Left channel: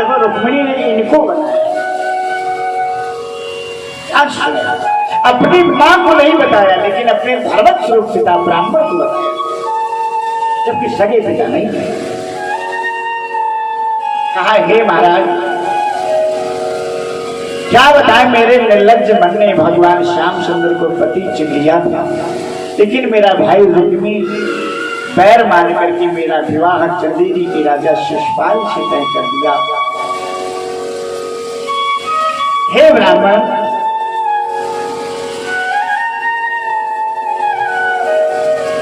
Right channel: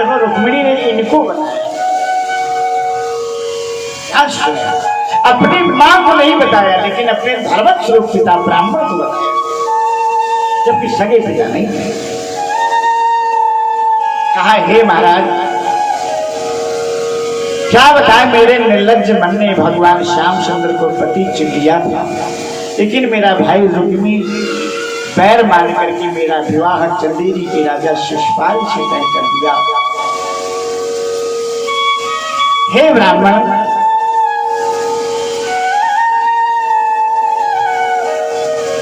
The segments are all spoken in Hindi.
देखो रुक्मिणी ने इनको बताया, अपनी मां को नहीं बताया लेकिन अपने धर्म स्वरूप पिता ब्राह्मण को बताया, जबकि सगे पिता नहीं थे। कहा हे महाराज, क्या बताएं, मेरे निर्लज्ज मन ने भगवान श्यामचंद्र को पति चुन लिया था, लेकिन मेरा भाई रुक्मी पैर मार करके मेरा विवाह चंदेरी के राजा शिशुपाल से तय कर दिया। हे ब्राह्मण,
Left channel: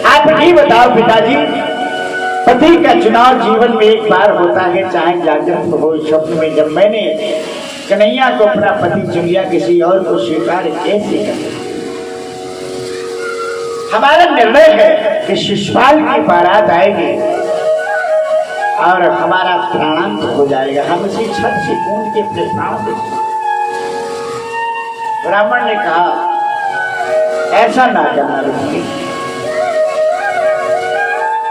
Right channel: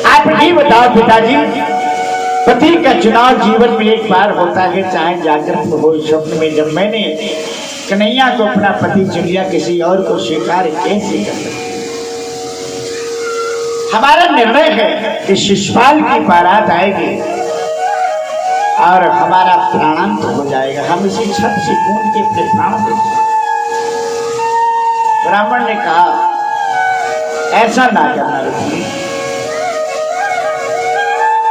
आप ही बताओ पिताजी, पति का चुनाव जीवन में एक बार होता है, चाहे जागृत हो स्वप्न में। जब मैंने कन्हैया को अपना पति चुन लिया, किसी और को स्वीकार कैसे कर सकते? हमारा निर्णय है कि शिशुपाल की बारात आएगी और हमारा प्राणांत हो जाएगा, हम इसी छत से कूद के प्राण देंगे। ब्राह्मण ने कहा ऐसा ना करना,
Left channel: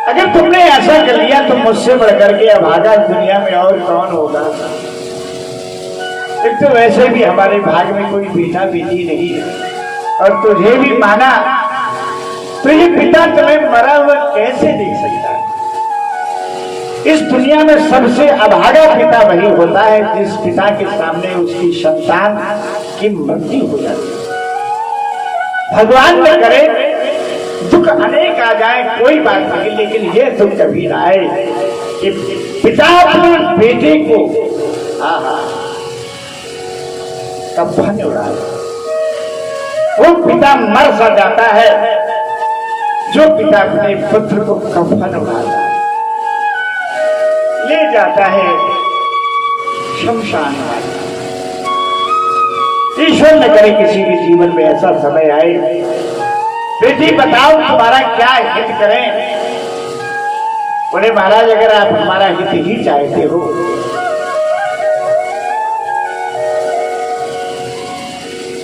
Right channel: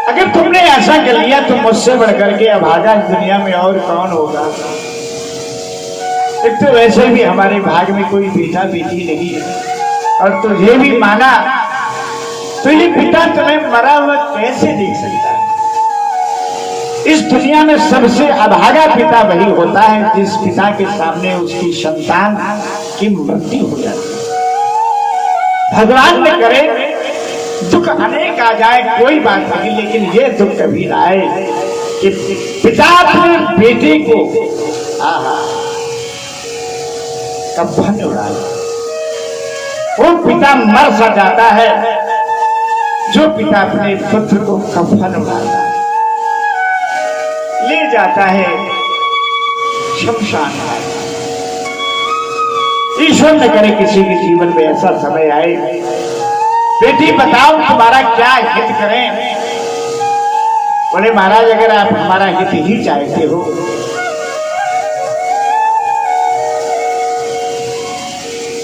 अगर तुमने ऐसा कर लिया तो मुझसे बढ़कर के अभागा दुनिया में और कौन होगा। एक तो वैसे भी हमारे भाग में कोई बेटा बेटी नहीं है, और तुझे भी माना तो ये पिता तुम्हें मरा हुआ कैसे देख सकता है? इस दुनिया में सबसे अभागा पिता वही होता है जिस पिता के सामने उसकी संतान की मृत्यु हो जाती है। भगवान ने करे दुख अनेक आ जाए कोई बात नहीं, लेकिन ये दुख कभी ना आए कि पिता अपने बेटे को कफन उड़ाए। वो पिता मर सा जाता है जो पिता अपने पुत्र को कफन उड़ाता है, ले जाता है शमशान। ईश्वर न करे किसी के जीवन में ऐसा समय आए, बेटी बताओ तुम्हारा क्या हित करें? बोले महाराज, अगर आप हमारा हित ही चाहते हो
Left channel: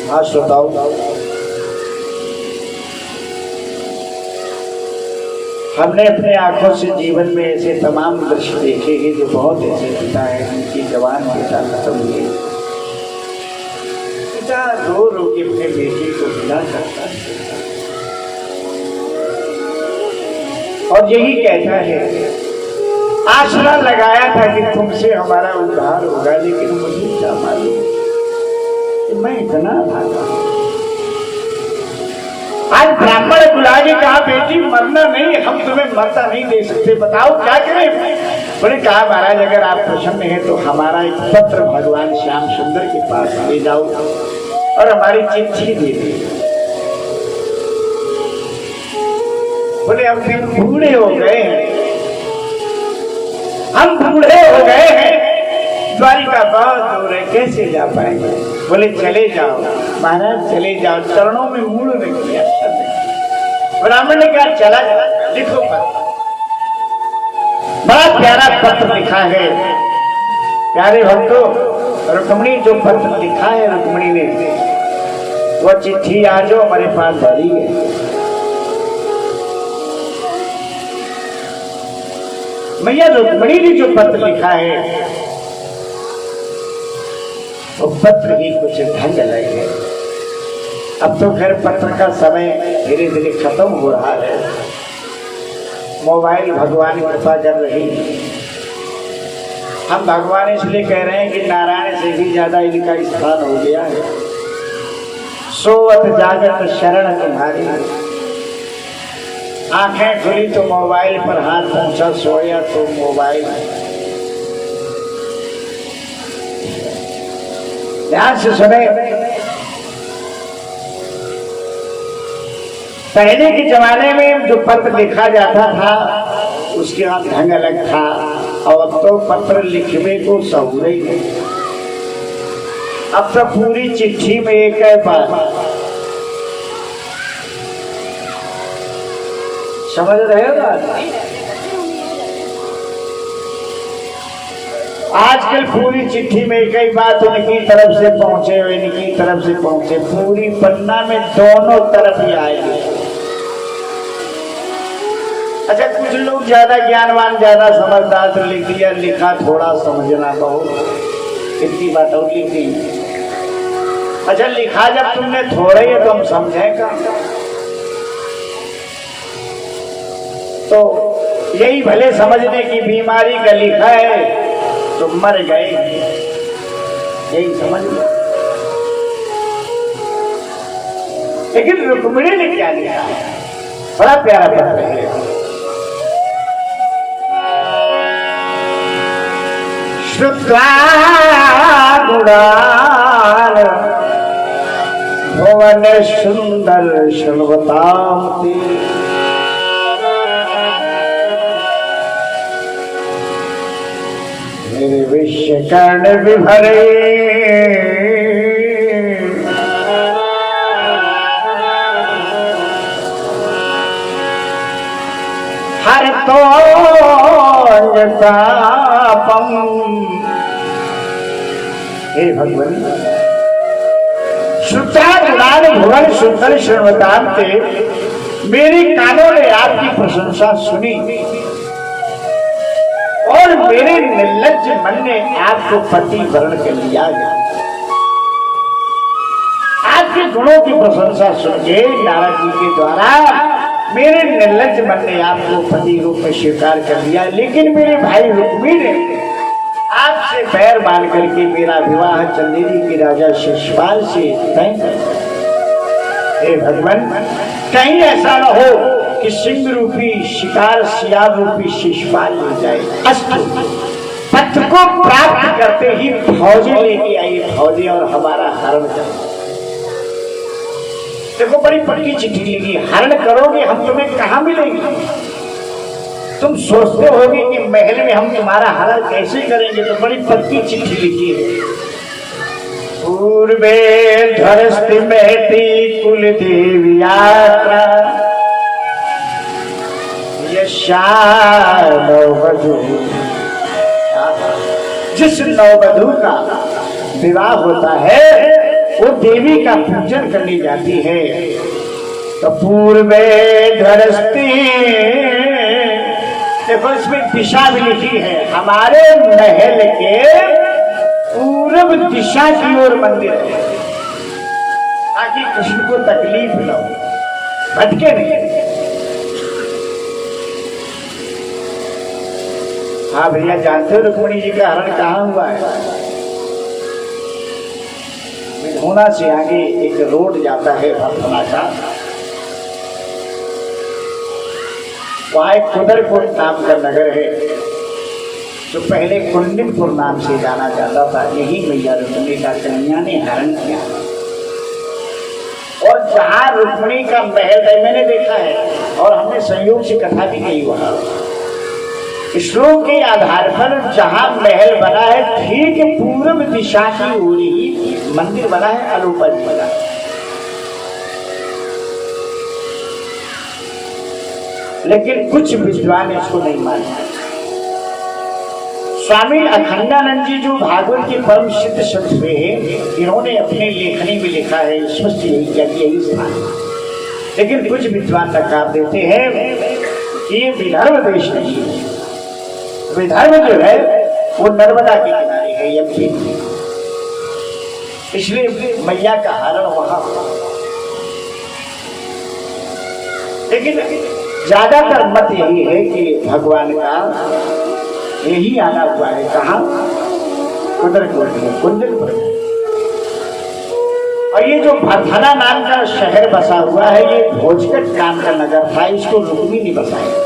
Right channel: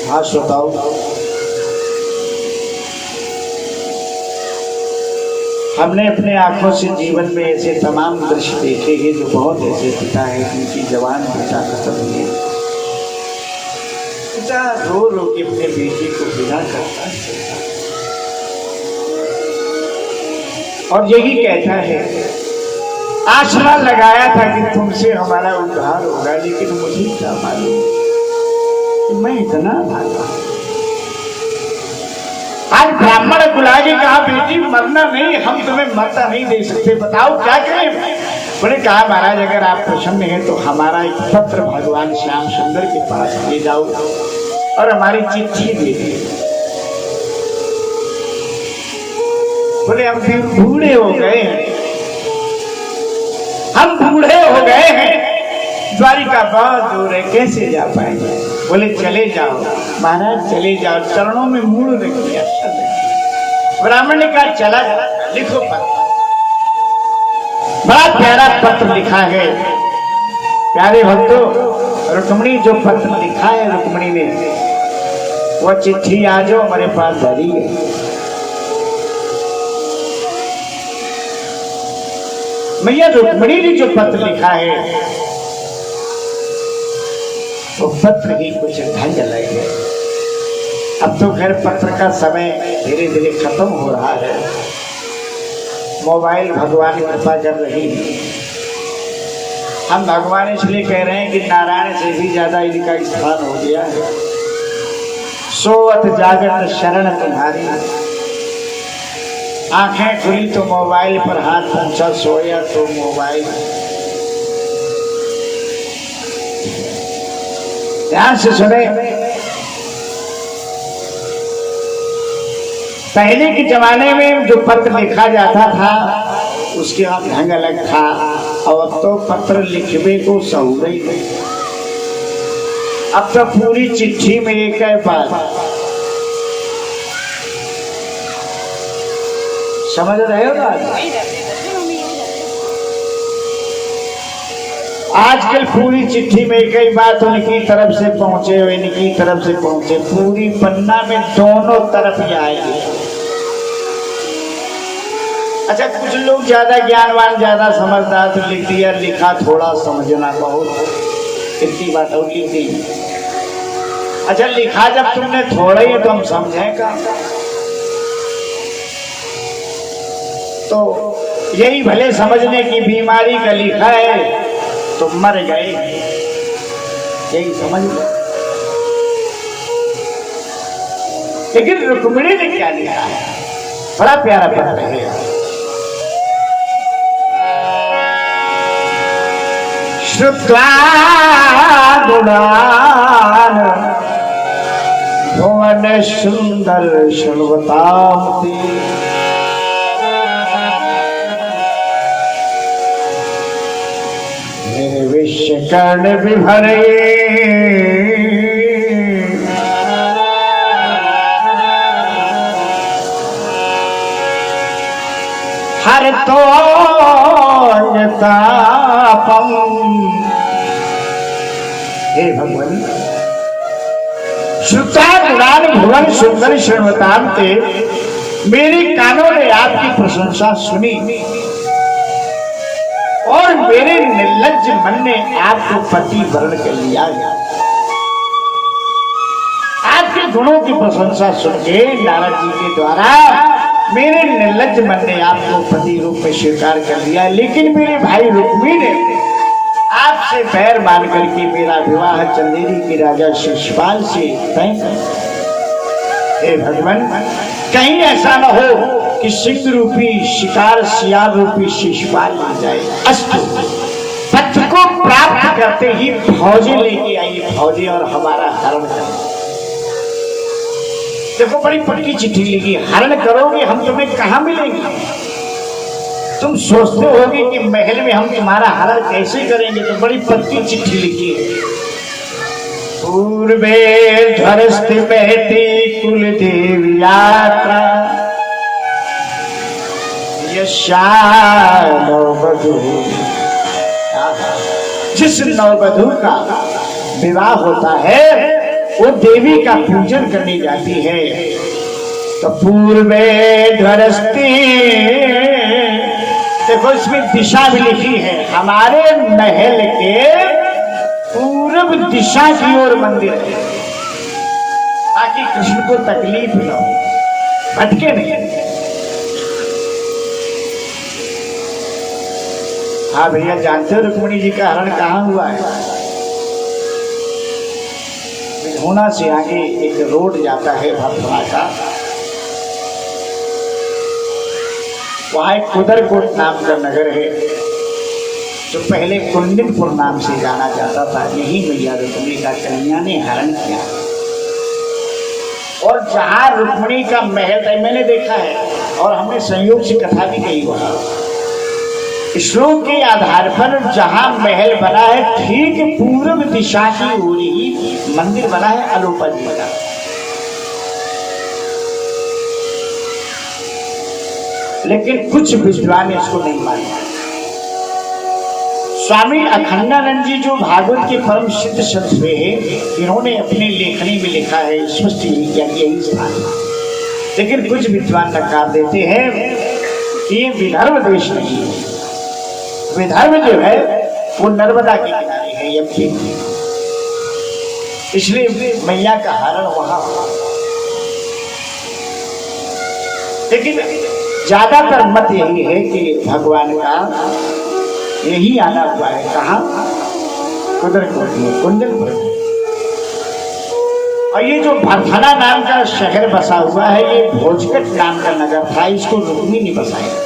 हाँ बताओ। हमने अपने आंखों से जीवन में ऐसे तमाम दृश्य देखे हैं, जो बहुत ऐसे पिता हैं जिनकी जवान पिता खत्म हुए, पिता रो रो के अपने बेटे को विदा करता है और यही कहता है, आशा लगाया था कि तुमसे हमारा उद्धार होगा, लेकिन मुझे क्या मालूम कि मैं इतना भागा। आज ब्राह्मण बुला के कहा बेटी मरना नहीं, हम तुम्हें मरता नहीं दे सकते, बताओ क्या करें? मैंने कहा महाराज, अगर आप प्रसन्न हैं तो हमारा एक पत्र भगवान श्यामचंद्र के पास ले जाओ और हमारी चिट्ठी दे दे। बोले हम फिर बूढ़े हो गए हैं, हम बूढ़े हो गए हैं, द्वारिका बहुत दूर है, कैसे जा पाएंगे? बोले चले जाओ महाराज, चले जाओ, चरणों में मूड़ रख दिया। ब्राह्मण ने कहा चला लिखो पत्र। बड़ा प्यारा पत्र लिखा है। प्यारे भक्तों, रुक्मिणी जो पत्र लिखा है रुक्मिणी ने, वह चिट्ठी आज हमारे पास धरी है। मैया रुक्मिणी ने जो पत्र लिखा है वो पत्र ही कुछ ढंग लगे। अब तो खैर पत्र का समय धीरे धीरे खत्म हो रहा है, मोबाइल भगवान कृपा कर रही है। हम भगवान इसलिए कह रहे हैं कि नारायण से भी ज्यादा इनका स्थान हो गया है। सोवत जागत शरण तुम्हारी, आंखें खुली तो मोबाइल पर हाथ पहुंचा, सोया तो मोबाइल। ध्यान से सुने, पहले के जमाने में जो पत्र लिखा जाता था उसके बाद ढंग अलग था, और अब तो पत्र लिखने को सहुरे। अब तो पूरी चिट्ठी में एक है बात, समझ रहे हो ना? आजकल पूरी चिट्ठी में कई बात उनकी तरफ से पहुंचे, इनकी तरफ से पहुंचे, पूरी पन्ना में दोनों तरफ ही आएगी। अच्छा, कुछ लोग ज्यादा ज्ञानवान ज्यादा समझदार तो लिख दिया, लिखा थोड़ा समझना बहुत, इतनी बात होगी थी। अच्छा, लिखा जब तुमने थोड़ा ही तो हम समझेगा, तो यही भले समझने की बीमारी का लिखा है तो मर गए, यही समझ लो। लेकिन रुक्मिणी ने क्या लिखा है, बड़ा प्यारा पत्र है। श्रुत्वा गुणान भुवन सुंदर शृण्वताम् निर्विश्य कर्ण विभरे हर तो तापम। हे भगवान, श्रुतान भुवन सुंदर शृण्वतान्ते, मेरे कानों ने आपकी प्रशंसा सुनी और मेरे निर्लज्ज मन ने आपको पति वर्ण कर लिया। आपके गुणों की प्रशंसा सुन के नारद जी के द्वारा मेरे निर्लज्ज मन ने आपको पति रूप में स्वीकार कर लिया, लेकिन मेरे भाई रुक्मी ने आपसे पैर मान करके मेरा विवाह चंदेरी के राजा शिशुपाल से तय कर। हे भगवान, कहीं ऐसा न हो कि सिंह रूपी शिकार सियार रूपी शिशुपाल ले जाए। अस्तु, पत्र को प्राप्त करते ही फौजें लेके आई, फौजें और हमारा हरण कर। देखो, बड़ी पक्की चिट्ठी लिखी, हरण करोगे हम तुम्हें कहां मिलेंगे। तुम सोचते होगे कि महल में हम तुम्हारा हरण कैसे करेंगे, तो बड़ी पक्की चिट्ठी लिखी है। पूर्वे ध्वरस्ति महती कुल देवी यात्रा, नववधू, जिस नववधू का विवाह होता है वो देवी का पूजन करने जाती है। तो पूर्वे ध्वरस्ति, देखो इसमें दिशा भी लिखी है, हमारे महल के पूर्व दिशा की ओर मंदिर है, ताकि कृष्ण को तकलीफ न हो, भटके नहीं। हाँ भैया, जानते हो रुक्मिणी जी का हरण कहाँ हुआ है? होना से आगे एक रोड जाता है भगवा का, वहां एक कुदरपुर नाम का नगर है जो पहले कुंडिनपुर नाम से जाना जाता था। यही मैया रुक्मिणी का कन्या ने हरण किया, और जहां रुक्मिणी का महल था मैंने देखा है और हमने संयोग से कथा भी कही वहां। श्लोक के आधार पर जहां महल बना है ठीक पूर्व दिशा की ओर ही मंदिर बना है, अलोपा जी का। लेकिन कुछ विद्वान इसको नहीं मानते। स्वामी अखंडानंद जी जो भागवत के परम सिद्ध संत हुए हैं, इन्होंने अपने लेखनी में लिखा है, स्पष्ट यही किया कि यही स्थान। लेकिन कुछ विद्वान नकार देते हैं कि विदर्भ देश नहीं है। विदर्भ जो है वो नर्मदा के किनारे है, यज्ञ, इसलिए मैया का हरण वहां। लेकिन ज्यादातर मत यही है कि भगवान का यही आना हुआ है, कहा कुंदनपुर। और ये जो भरथना नाम का शहर बसा हुआ है, ये भोजकट नाम का नगर था, इसको रुक्मी ने बसाया।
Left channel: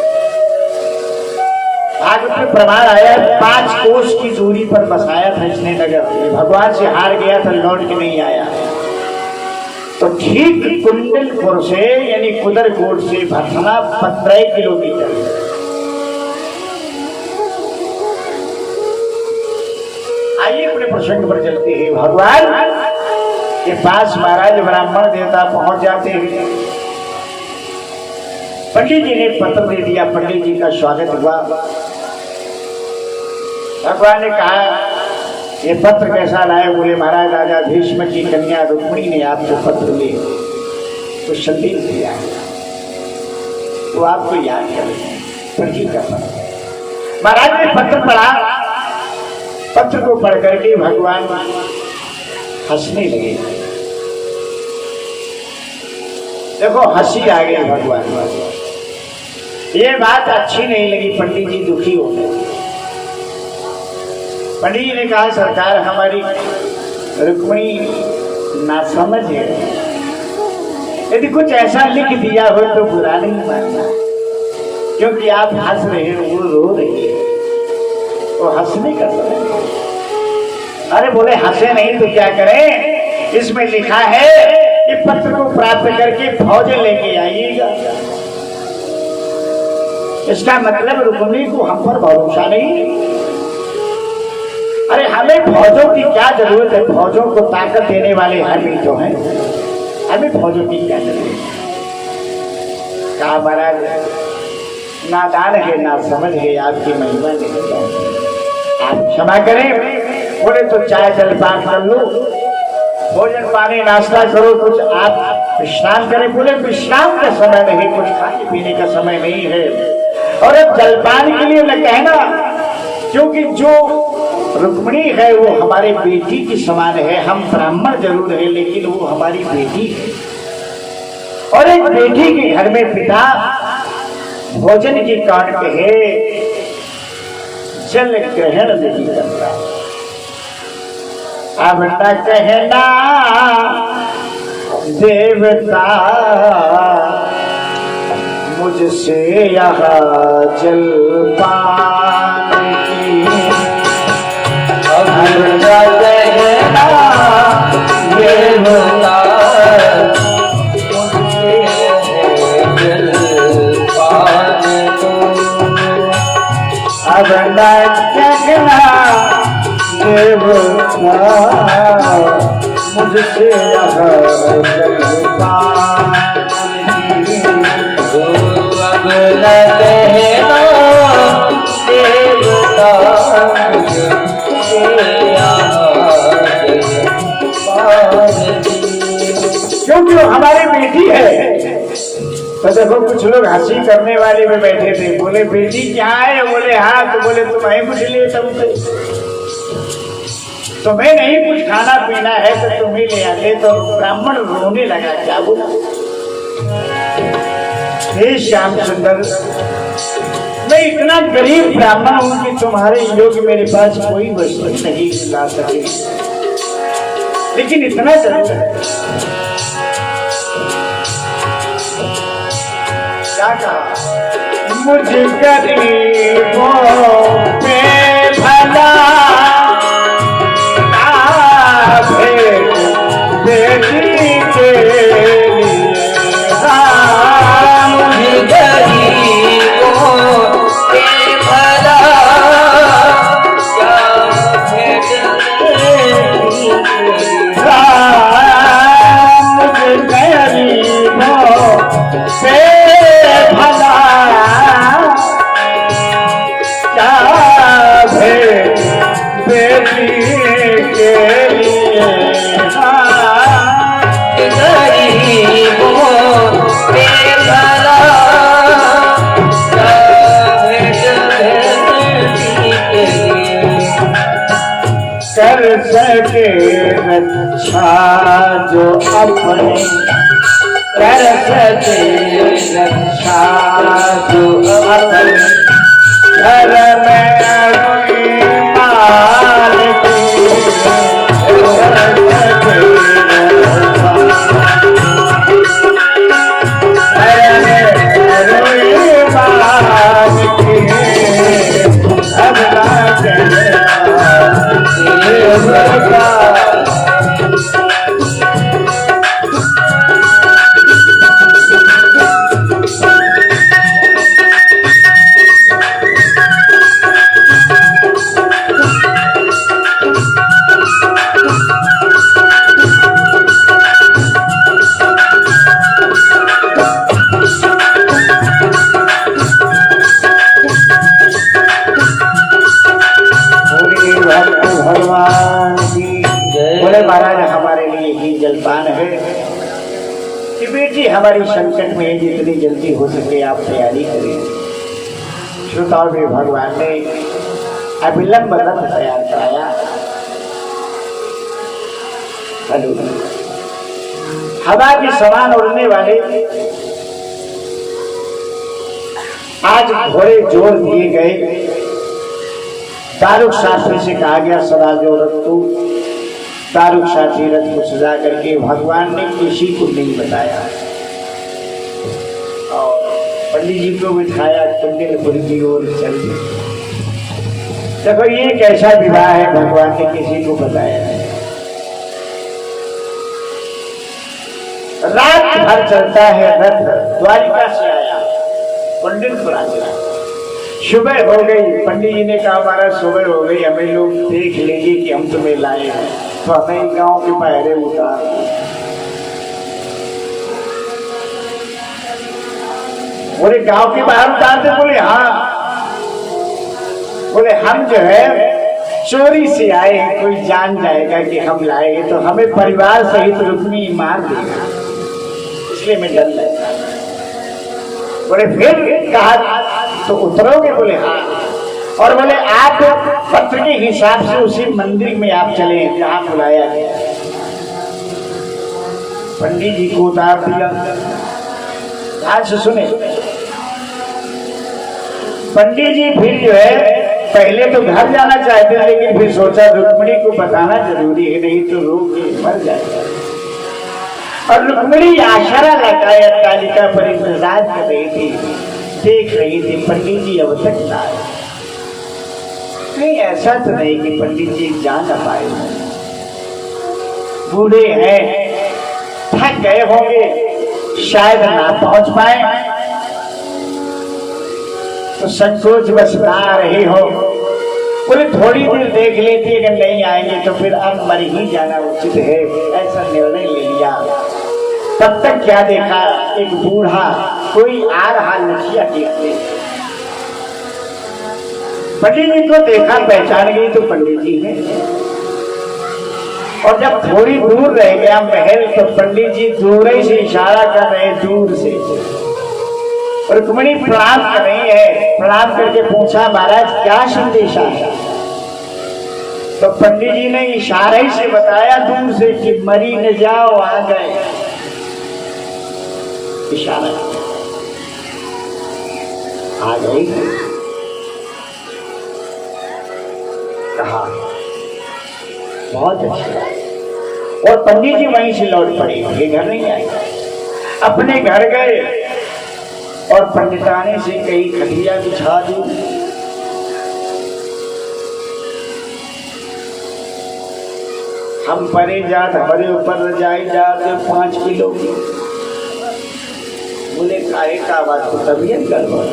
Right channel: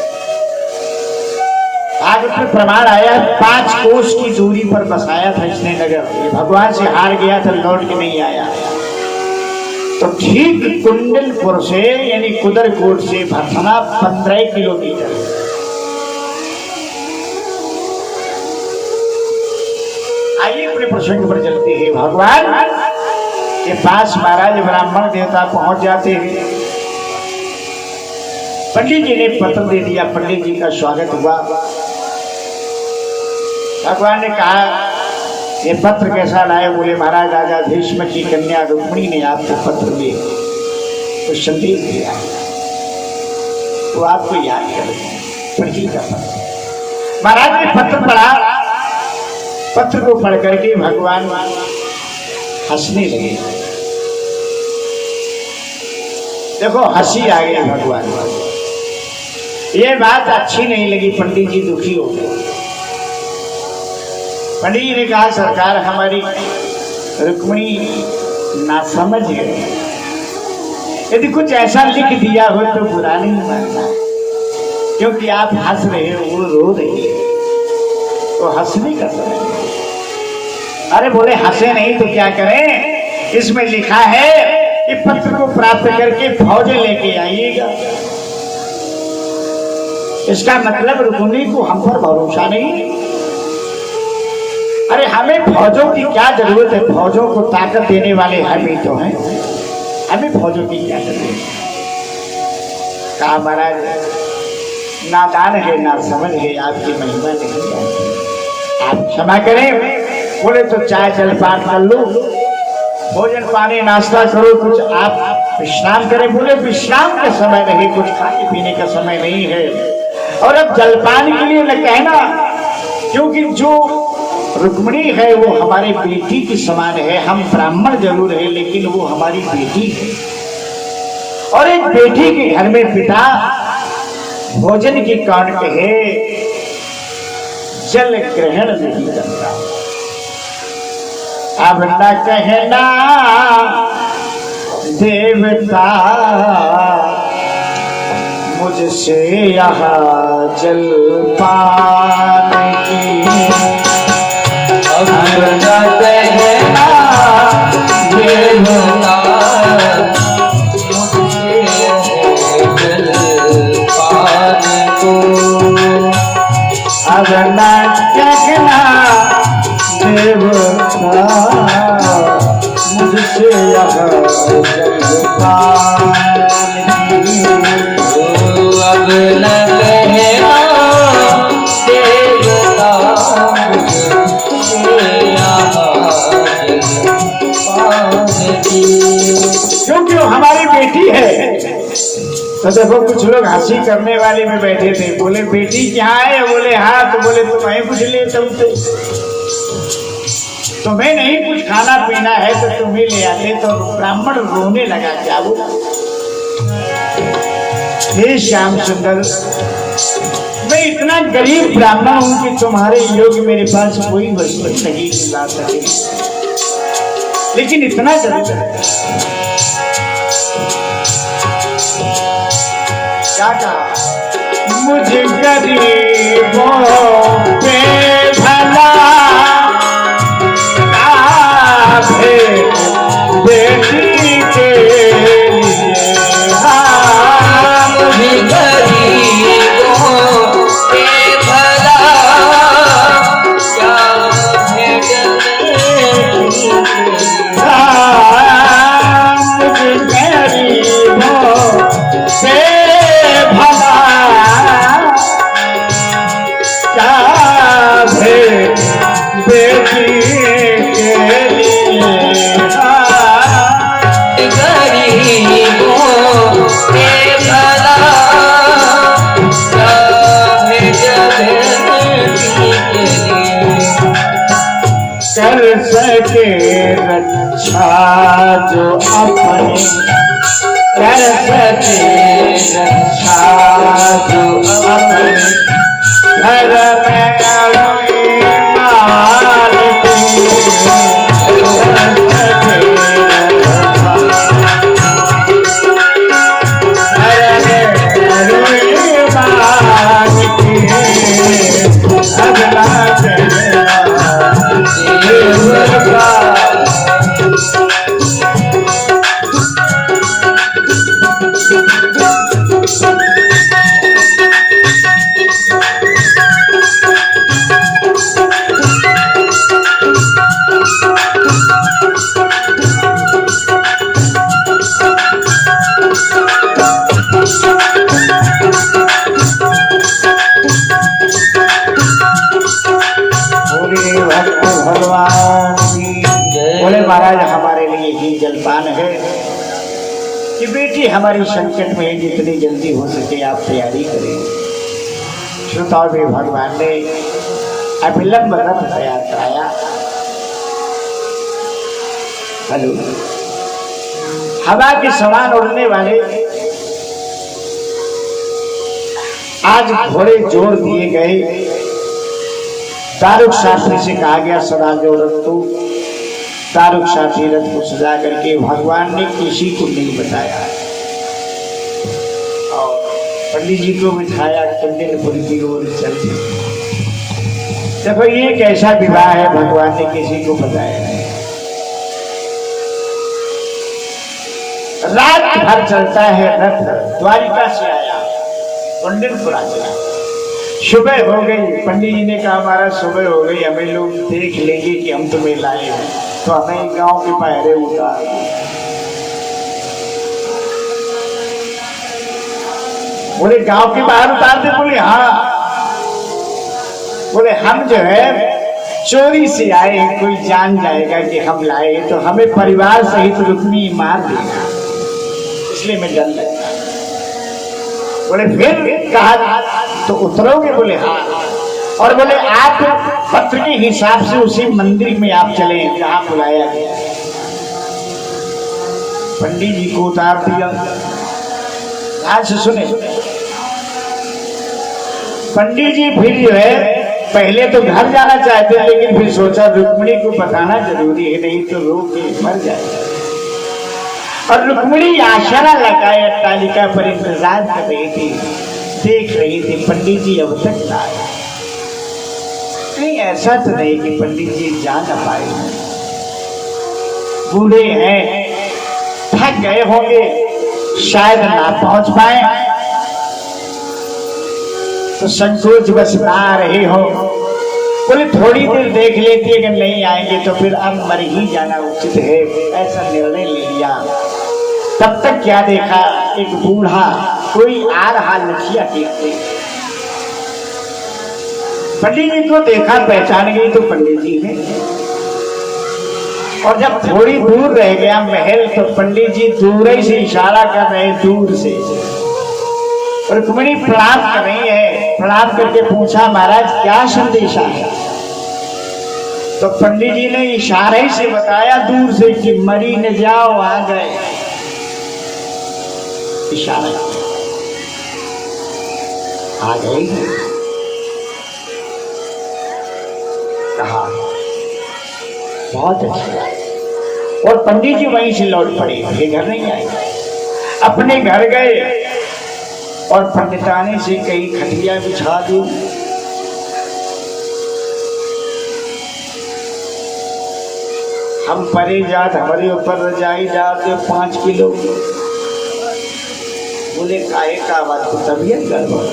भागवत में प्रमाण आया है 5 कोस की दूरी पर बसाया था इसने नगर। ये भगवान से हार गया तो लौट के नहीं आया। तो ठीक कुंडलपुर से यानी कुदरकोट से भरथना 15 किलोमीटर। आइए अपने प्रसंग पर चलते हैं। भगवान के पास महाराज ब्राह्मण देवता पहुंच जाते हैं। पंडित जी ने पत्र दे दिया, पंडित जी का स्वागत हुआ। भगवान ने कहा ये पत्र कैसा लाए? बोले महाराज राजा भीष्म की कन्या रुक्मिणी ने आपको पत्र दे तो संदेश दिया, तो आपको याद करें। पढ़ी का पत्र। महाराज ने पत्र पढ़ा, पत्र को पढ़ करके भगवान हंसने लगे। देखो हंसी आ गई भगवान को। ये बात अच्छी नहीं लगी, पंडित जी दुखी हो गए। पंडित जी ने कहा सरकार हमारी रुक्मिणी नासमझ है, यदि कुछ ऐसा लिख दिया हो तो बुरा नहीं मानना, क्योंकि आप हंस रहे हो वो रो रही है, तो हंसने का समय। अरे बोले हंसे नहीं तो क्या करें, इसमें लिखा है कि पत्र को प्राप्त करके फौजें लेके आइएगा। इसका मतलब रुक्मिणी को हम पर भरोसा नहीं। अरे हमें फौजों की क्या जरूरत है, फौजों को ताकत देने वाले हम ही तो हैं, हमें फौजों की क्या जरूरत है। कहा महाराज नादान है ना समझ है, आपकी महिमा नहीं जानते, आप क्षमा करें। बोले तो चाय जलपान कर लो, भोजन पानी नाश्ता करो, कुछ आप विश्राम करें। बोले विश्राम का समय नहीं, कुछ खाने पीने का समय नहीं है, और अब जलपान के लिए न कहना, क्योंकि जो रुक्मिणी है वो हमारी बेटी की समान है। हम ब्राह्मण जरूर है लेकिन वो हमारी बेटी है, और एक बेटी के घर में पिता भोजन की काट कहे जल ग्रहण नहीं करता। अब न कहना देवता मुझसे यहाँ जलपान की, अब न कहना देवता अब न कहना देवता मुझसे यहाँ जलपान की, अब न कहना देवता मुझसे यहाँ जलपान की, क्योंकि वो हमारी बेटी है। तो देखो कुछ लोग हंसी करने वाले में बैठे थे, बोले बेटी क्या है, बोले हाँ, तो बोले तुम्हें पूछ लिए तुमसे, तुम्हें नहीं कुछ खाना पीना है तो तुम्हें ले आते। तो ब्राह्मण रोने लगा, क्या बोला, हे श्याम सुंदर मैं इतना गरीब ब्राह्मण हूं कि तुम्हारे योग्य मेरे पास कोई वस्तु नहीं ला सके, लेकिन इतना जरूर है। क्या कहा, मुझ गरीबों पे भला बेटी के लिए, मुझ गरीबों पे भला क्या भेंट मुझ गरीबों पे कर सके रक्षा जो अपने, कर सके रक्षा जो अपने घर में माल की, हमारी संकट में जितनी जल्दी हो सके आप तैयारी करें। श्रोताओं में भगवान ने अभिलंब रथ तैयार कराया। हवा के समान उड़ने वाले आज घोड़े जोड़ दिए गए। तारुक शास्त्री से कहा गया सदा जो रथ, तारुक शास्त्री रथ को सजा करके भगवान ने किसी को नहीं बताया और पंडित जी को बिठाया कुंडलपुर की ओर चल दी। देखो ये कैसा विवाह है, भगवान ने किसी को बताया नहीं। रात भर चलता है रथ, द्वारिका से आया कुंडलपुर आ गया। सुबह हो गई, पंडित जी ने कहा महाराज सुबह हो गई, हमें लोग देख लेंगे कि हम तुम्हें लाए हैं, तो हमें गांव के पहरे उतार। बोले गांव के बाहर उतारते? बोले हाँ। बोले हम जो है चोरी से आए हैं, कोई जान जाएगा कि हम लाए हैं तो हमें परिवार सहित रुक्मी मार देगा, इसलिए मैं डर लगता। बोले फिर कहा तो उतरोगे? बोले हाँ। और बोले आप पत्र के हिसाब से उसी मंदिर में आप चले जहां बुलाया गया। पंडित जी को उतार दिया। ध्यान से सुने, पंडित जी फिर जो है पहले तो घर जाना चाहते थे, लेकिन फिर सोचा रुक्मिणी को बताना जरूरी है, नहीं तो रोग के मर जाएगा। और रुक्मिणी आशरा लगाए अट्टालिका पर इंतजार कर रही थी, देख रही थी पंडित जी अब तक ना आए। नहीं ऐसा तो नहीं कि पंडित जी जा ना पाए, बूढ़े हैं, थक गए होंगे, शायद ना पहुंच पाए, तो संकोच बस ना रहे हो। बोले थोड़ी देर देख लेती, अगर नहीं आएंगे तो फिर अब मर ही जाना उचित है, ऐसा निर्णय ले लिया। तब तक क्या देखा, एक बूढ़ा कोई आ रहा लठिया देखते। पंडित जी को देखा, पहचान गई तो पंडित जी है। और जब थोड़ी दूर रह गया महल, तो पंडित जी दूर ही से इशारा कर रहे, दूर से। और रुक्मिणी प्रणाम कर रही है, प्रणाम करके पूछा महाराज क्या संदेशा है? तो पंडित जी ने इशारे से बताया दूर से कि मरी न जाओ, आ गए। इशारा आ गई, कहा बहुत अच्छा। और पंडित जी वहीं से लौट पड़े, ये घर नहीं आए, अपने घर गए और पंडिताने से कई खटिया बिछा दी। हम परे जात हमारे ऊपर रजाई जात 5 किलो। बोले काहे का बात, तो तबीयत गड़बड़?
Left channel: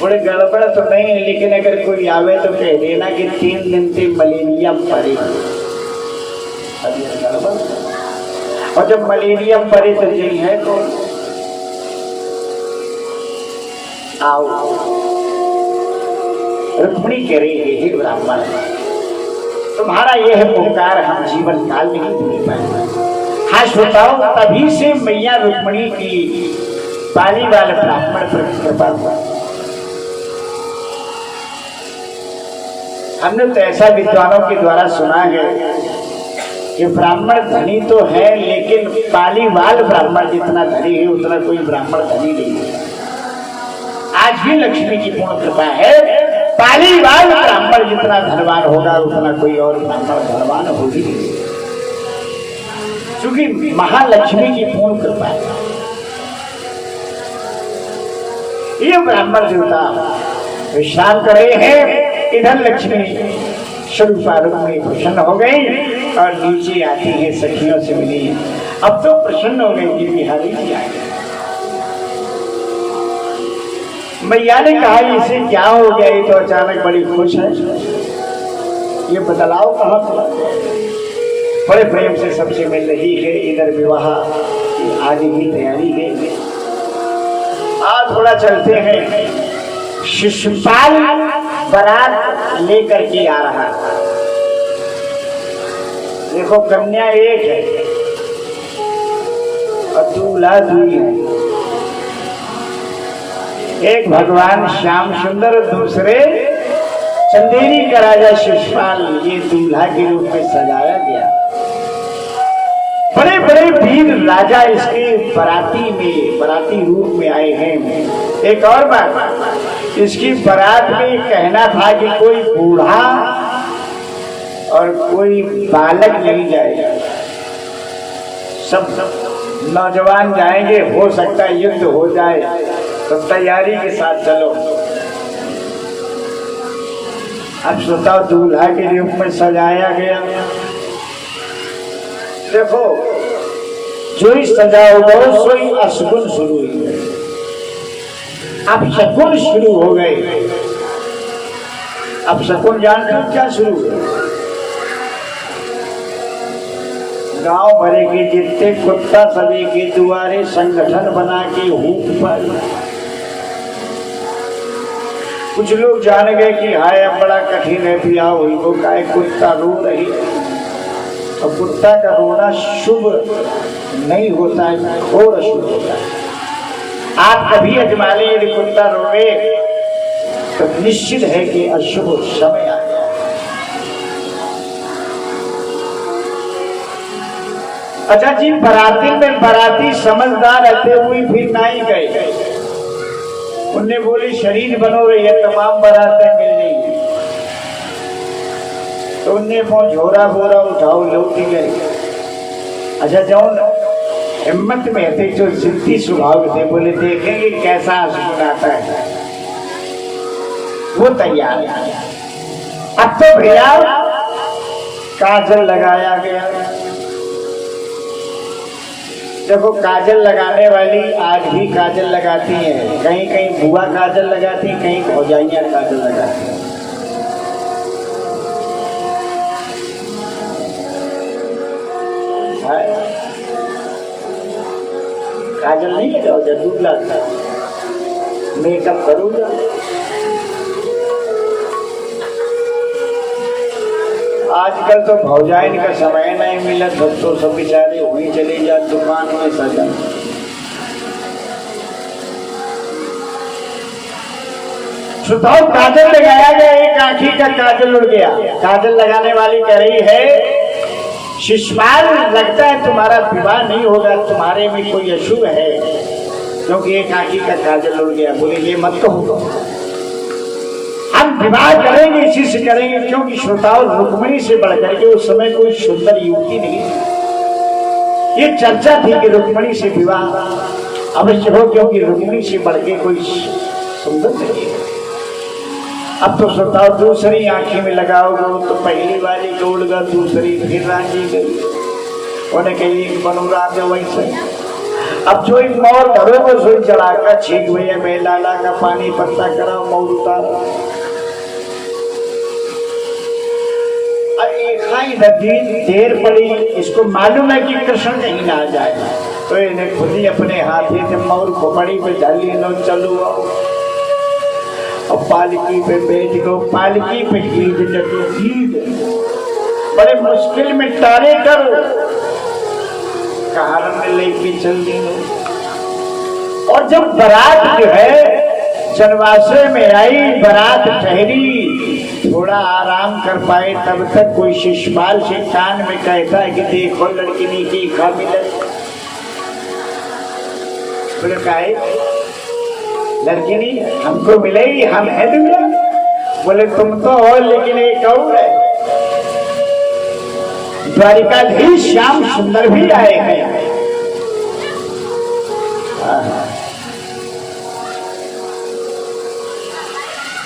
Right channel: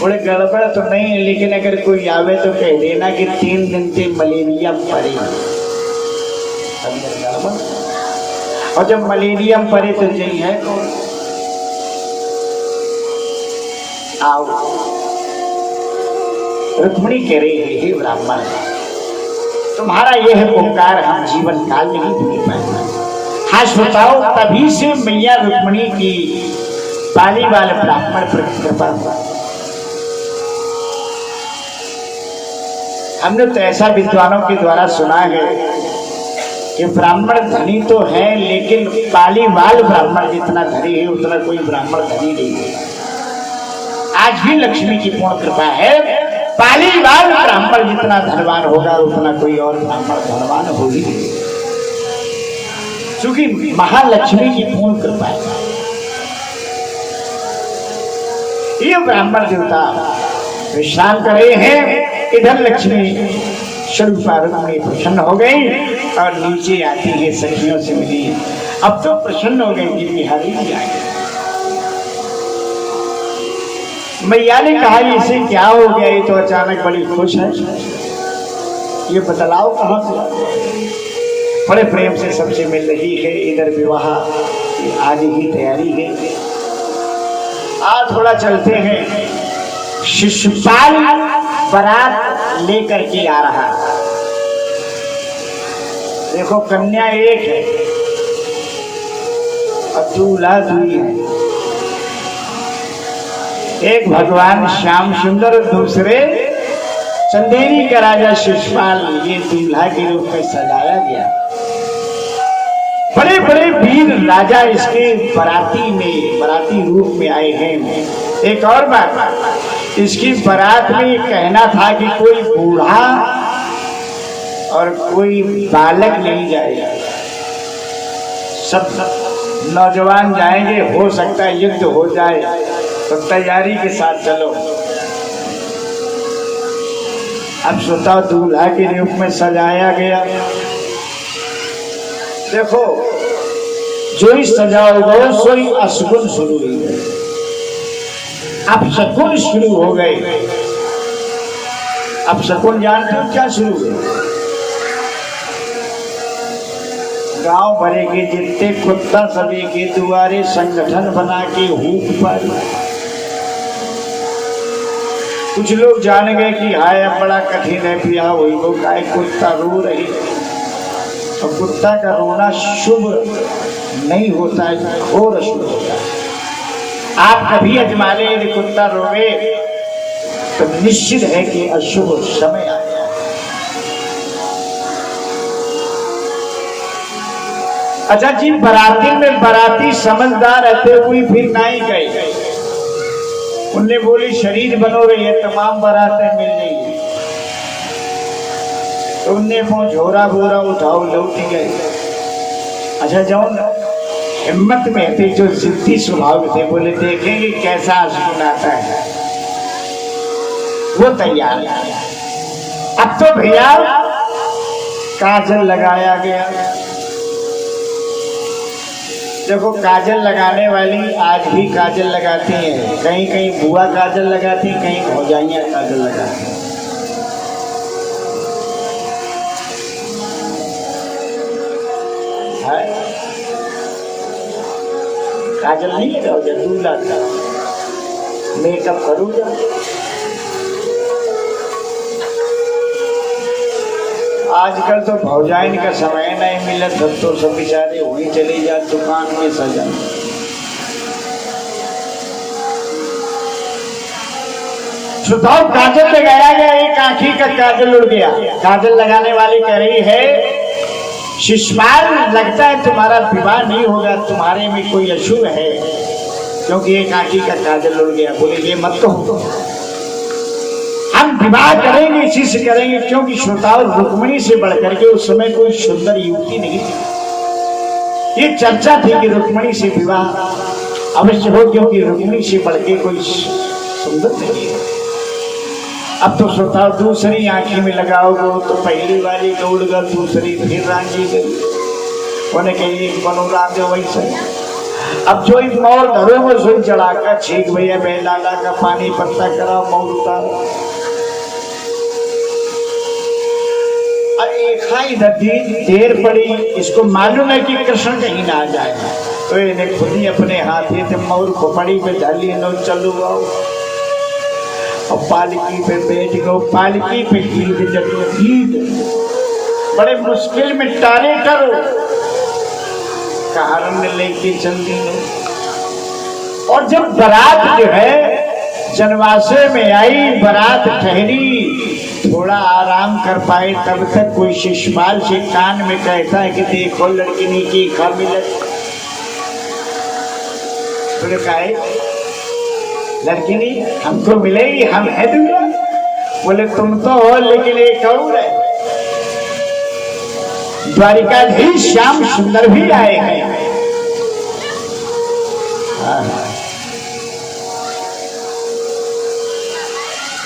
बोले गड़बड़ तो नहीं है, लेकिन अगर कोई आवे तो कह देना कि 3 दिन से मलेरिया पड़े। तबीयत गड़बड़, और जब मलेरिया पड़े तो यही है तो आओ। रुक्मिणी कह रही है, हे ब्राह्मण, तुम्हारा यह पुकार हम जीवन काल में नहीं भूल पाएंगे। हाँ श्रोताओं, तभी से मैया रुक्मिणी की पाली वाले ब्राह्मण पर कृपा हुआ। हमने तो ऐसा विद्वानों के द्वारा सुना है कि ब्राह्मण धनी तो है, लेकिन पालीवाल ब्राह्मण जितना धनी है उतना कोई ब्राह्मण धनी नहीं है। आज भी लक्ष्मी की पूर्ण कृपा है, पालीवाल ब्राह्मण जितना धनवान होगा उतना कोई और ब्राह्मण धनवान होगी, क्योंकि महालक्ष्मी की पूर्ण कृपा है। ये ब्राह्मण देवता विश्राम कर रहे हैं, इधर लक्ष्मी स्वरूपा रुक्मिणी प्रसन्न हो गई और नीचे आती है, सखियों से मिली। अब तो प्रसन्न हो गई कि बिहारी जी आ गए। मैया ने कहा इसे क्या हो गया, ये तो अचानक बड़ी खुश है, ये बदलाव कहां से? बड़े प्रेम से सबसे मिल रही है, इधर विवाह आदि की तैयारी है। आज थोड़ा चलते हैं, शिशुपाल बारात लेकर के आ रहा। देखो कन्या एक है और दूल्हा दुई है। एक भगवान श्याम सुंदर और दूसरे चंदेरी का राजा शिशुपाल, ये दूल्हा के रूप में सजाया गया। बड़े बड़े वीर राजा इसके बराती रूप में आए हैं। एक और बात, इसकी बारात में ये कहना था कि कोई बूढ़ा और कोई बालक नहीं जाएगा, सब नौजवान जाएंगे। हो सकता है युद्ध हो जाए तो तैयारी के साथ चलो। अब सोचा दूल्हा के रूप में सजाया गया। देखो, जो ही सजाओगे सोई अशगुन शुरू हो गए, अब शकुन शुरू हो गए। अब शकुन जानते हो क्या शुरू हुआ? गांव भरे के जितने कुत्ता सभी के दुआरे संगठन बना के हुक पर कुछ लोग जान गए कि हाय बड़ा कठिन है, पिया हुई को गाय कुत्ता रो रही है। और कुत्ता का रोना शुभ नहीं होता है और अशुभ होता है। आप कभी अजमाने यदि कुत्ता रोए तो निश्चित है कि अशुभ समय आ गया। अच्छा जी, बराती में बराती समझदार रहते हुए भी नहीं गए। उनने बोली शरीर बनो रही है, तमाम बारातें मिल रही है। तो उनने वो झोरा बोरा उठाओ लौट गए। अच्छा जाओ, हिम्मत में थे जो जिद्दी स्वभाव थे, बोले देखेंगे कैसा आसमान आता है। वो तैयार है। अब तो भैया काजल लगाया गया। देखो, काजल लगाने वाली आज भी काजल लगाती हैं। कहीं कहीं बुआ काजल लगाती, कहीं भौजाइयां काजल लगाती हैं। काजल नहीं लगाओ, जब दूल्हा मेकअप करो। आजकल तो भौजाइन का समय नहीं मिला, तब तो सब बेचारे हुई चले जा दुकान में सजा। सुधार काजल लगाया गया, एक आंखी का काजल उड़ गया। काजल लगाने वाली कह रही है शिशुपाल, लगता है तुम्हारा विवाह नहीं होगा, तुम्हारे में कोई अशुभ है, क्योंकि एक आंखी का काजल उड़ गया। बोले ये मत तो होगा, हम विवाह करेंगे, इसी से करेंगे, क्योंकि श्रोताओं रुक्मिणी से बढ़कर के उस समय कोई सुंदर युवती नहीं थी। ये चर्चा थी कि रुक्मिणी से विवाह अवश्य हो, क्योंकि रुक्मिणी से बढ़ के कोई सुंदर नहीं है। अब तो श्रोताओं दूसरी आंखी में लगाओगे तो पहली वाली को उड़ गई, दूसरी फिर रांझी गई। उन्हें कही मनोराज वैसे। अब जो इन मौर घरों में सोई चढ़ाकर छीक भैया बेलाला का पानी पत्ता कराओ, मौर उतारो। नदी देर पड़ी, इसको मालूम है कि कृष्ण कहीं ना आ जाए, तो इन्हें खुद ही अपने हाथ से मौर खोपड़ी पे डाली नो चलो आओ। और पालकी पे बैठ गो, पालकी पे गीत बड़े मुश्किल में तारे करो, कारण लेके चल दी। और जब बारात जो है जनवासे में आई, बारात ठहरी, थोड़ा आराम कर पाए, तब तक कोई शिशुपाल से कान में कहता है कि देखो लड़किनी की काबिलियत। बोले काहे लड़किनी हमको मिलेगी, हम है दुनिया। बोले तुम तो हो, लेकिन एक और है, द्वारिकाधीश श्याम सुंदर भी आए हैं।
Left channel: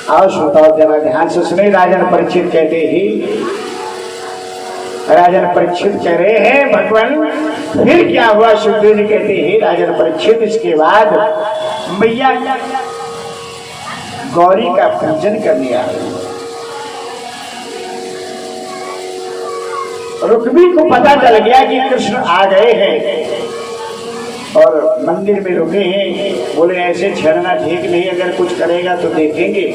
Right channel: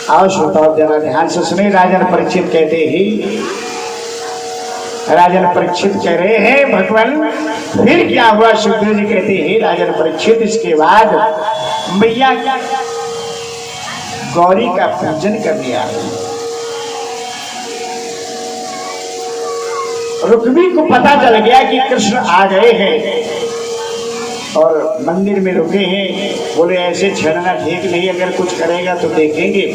आओ श्रोताओ जरा ध्यान से सुने। राजन परीक्षित कहते ही, राजन परीक्षित कह रहे हैं भगवान फिर क्या हुआ? सुखदेव जी कहते हैं राजन परीक्षित, इसके बाद मैया गौरी का पूजन करने आ गई। रुक्मी को पता चल गया कि कृष्ण आ गए हैं और मंदिर में रुके हैं। बोले ऐसे छड़ना ठीक नहीं, अगर कुछ करेगा तो देखेंगे।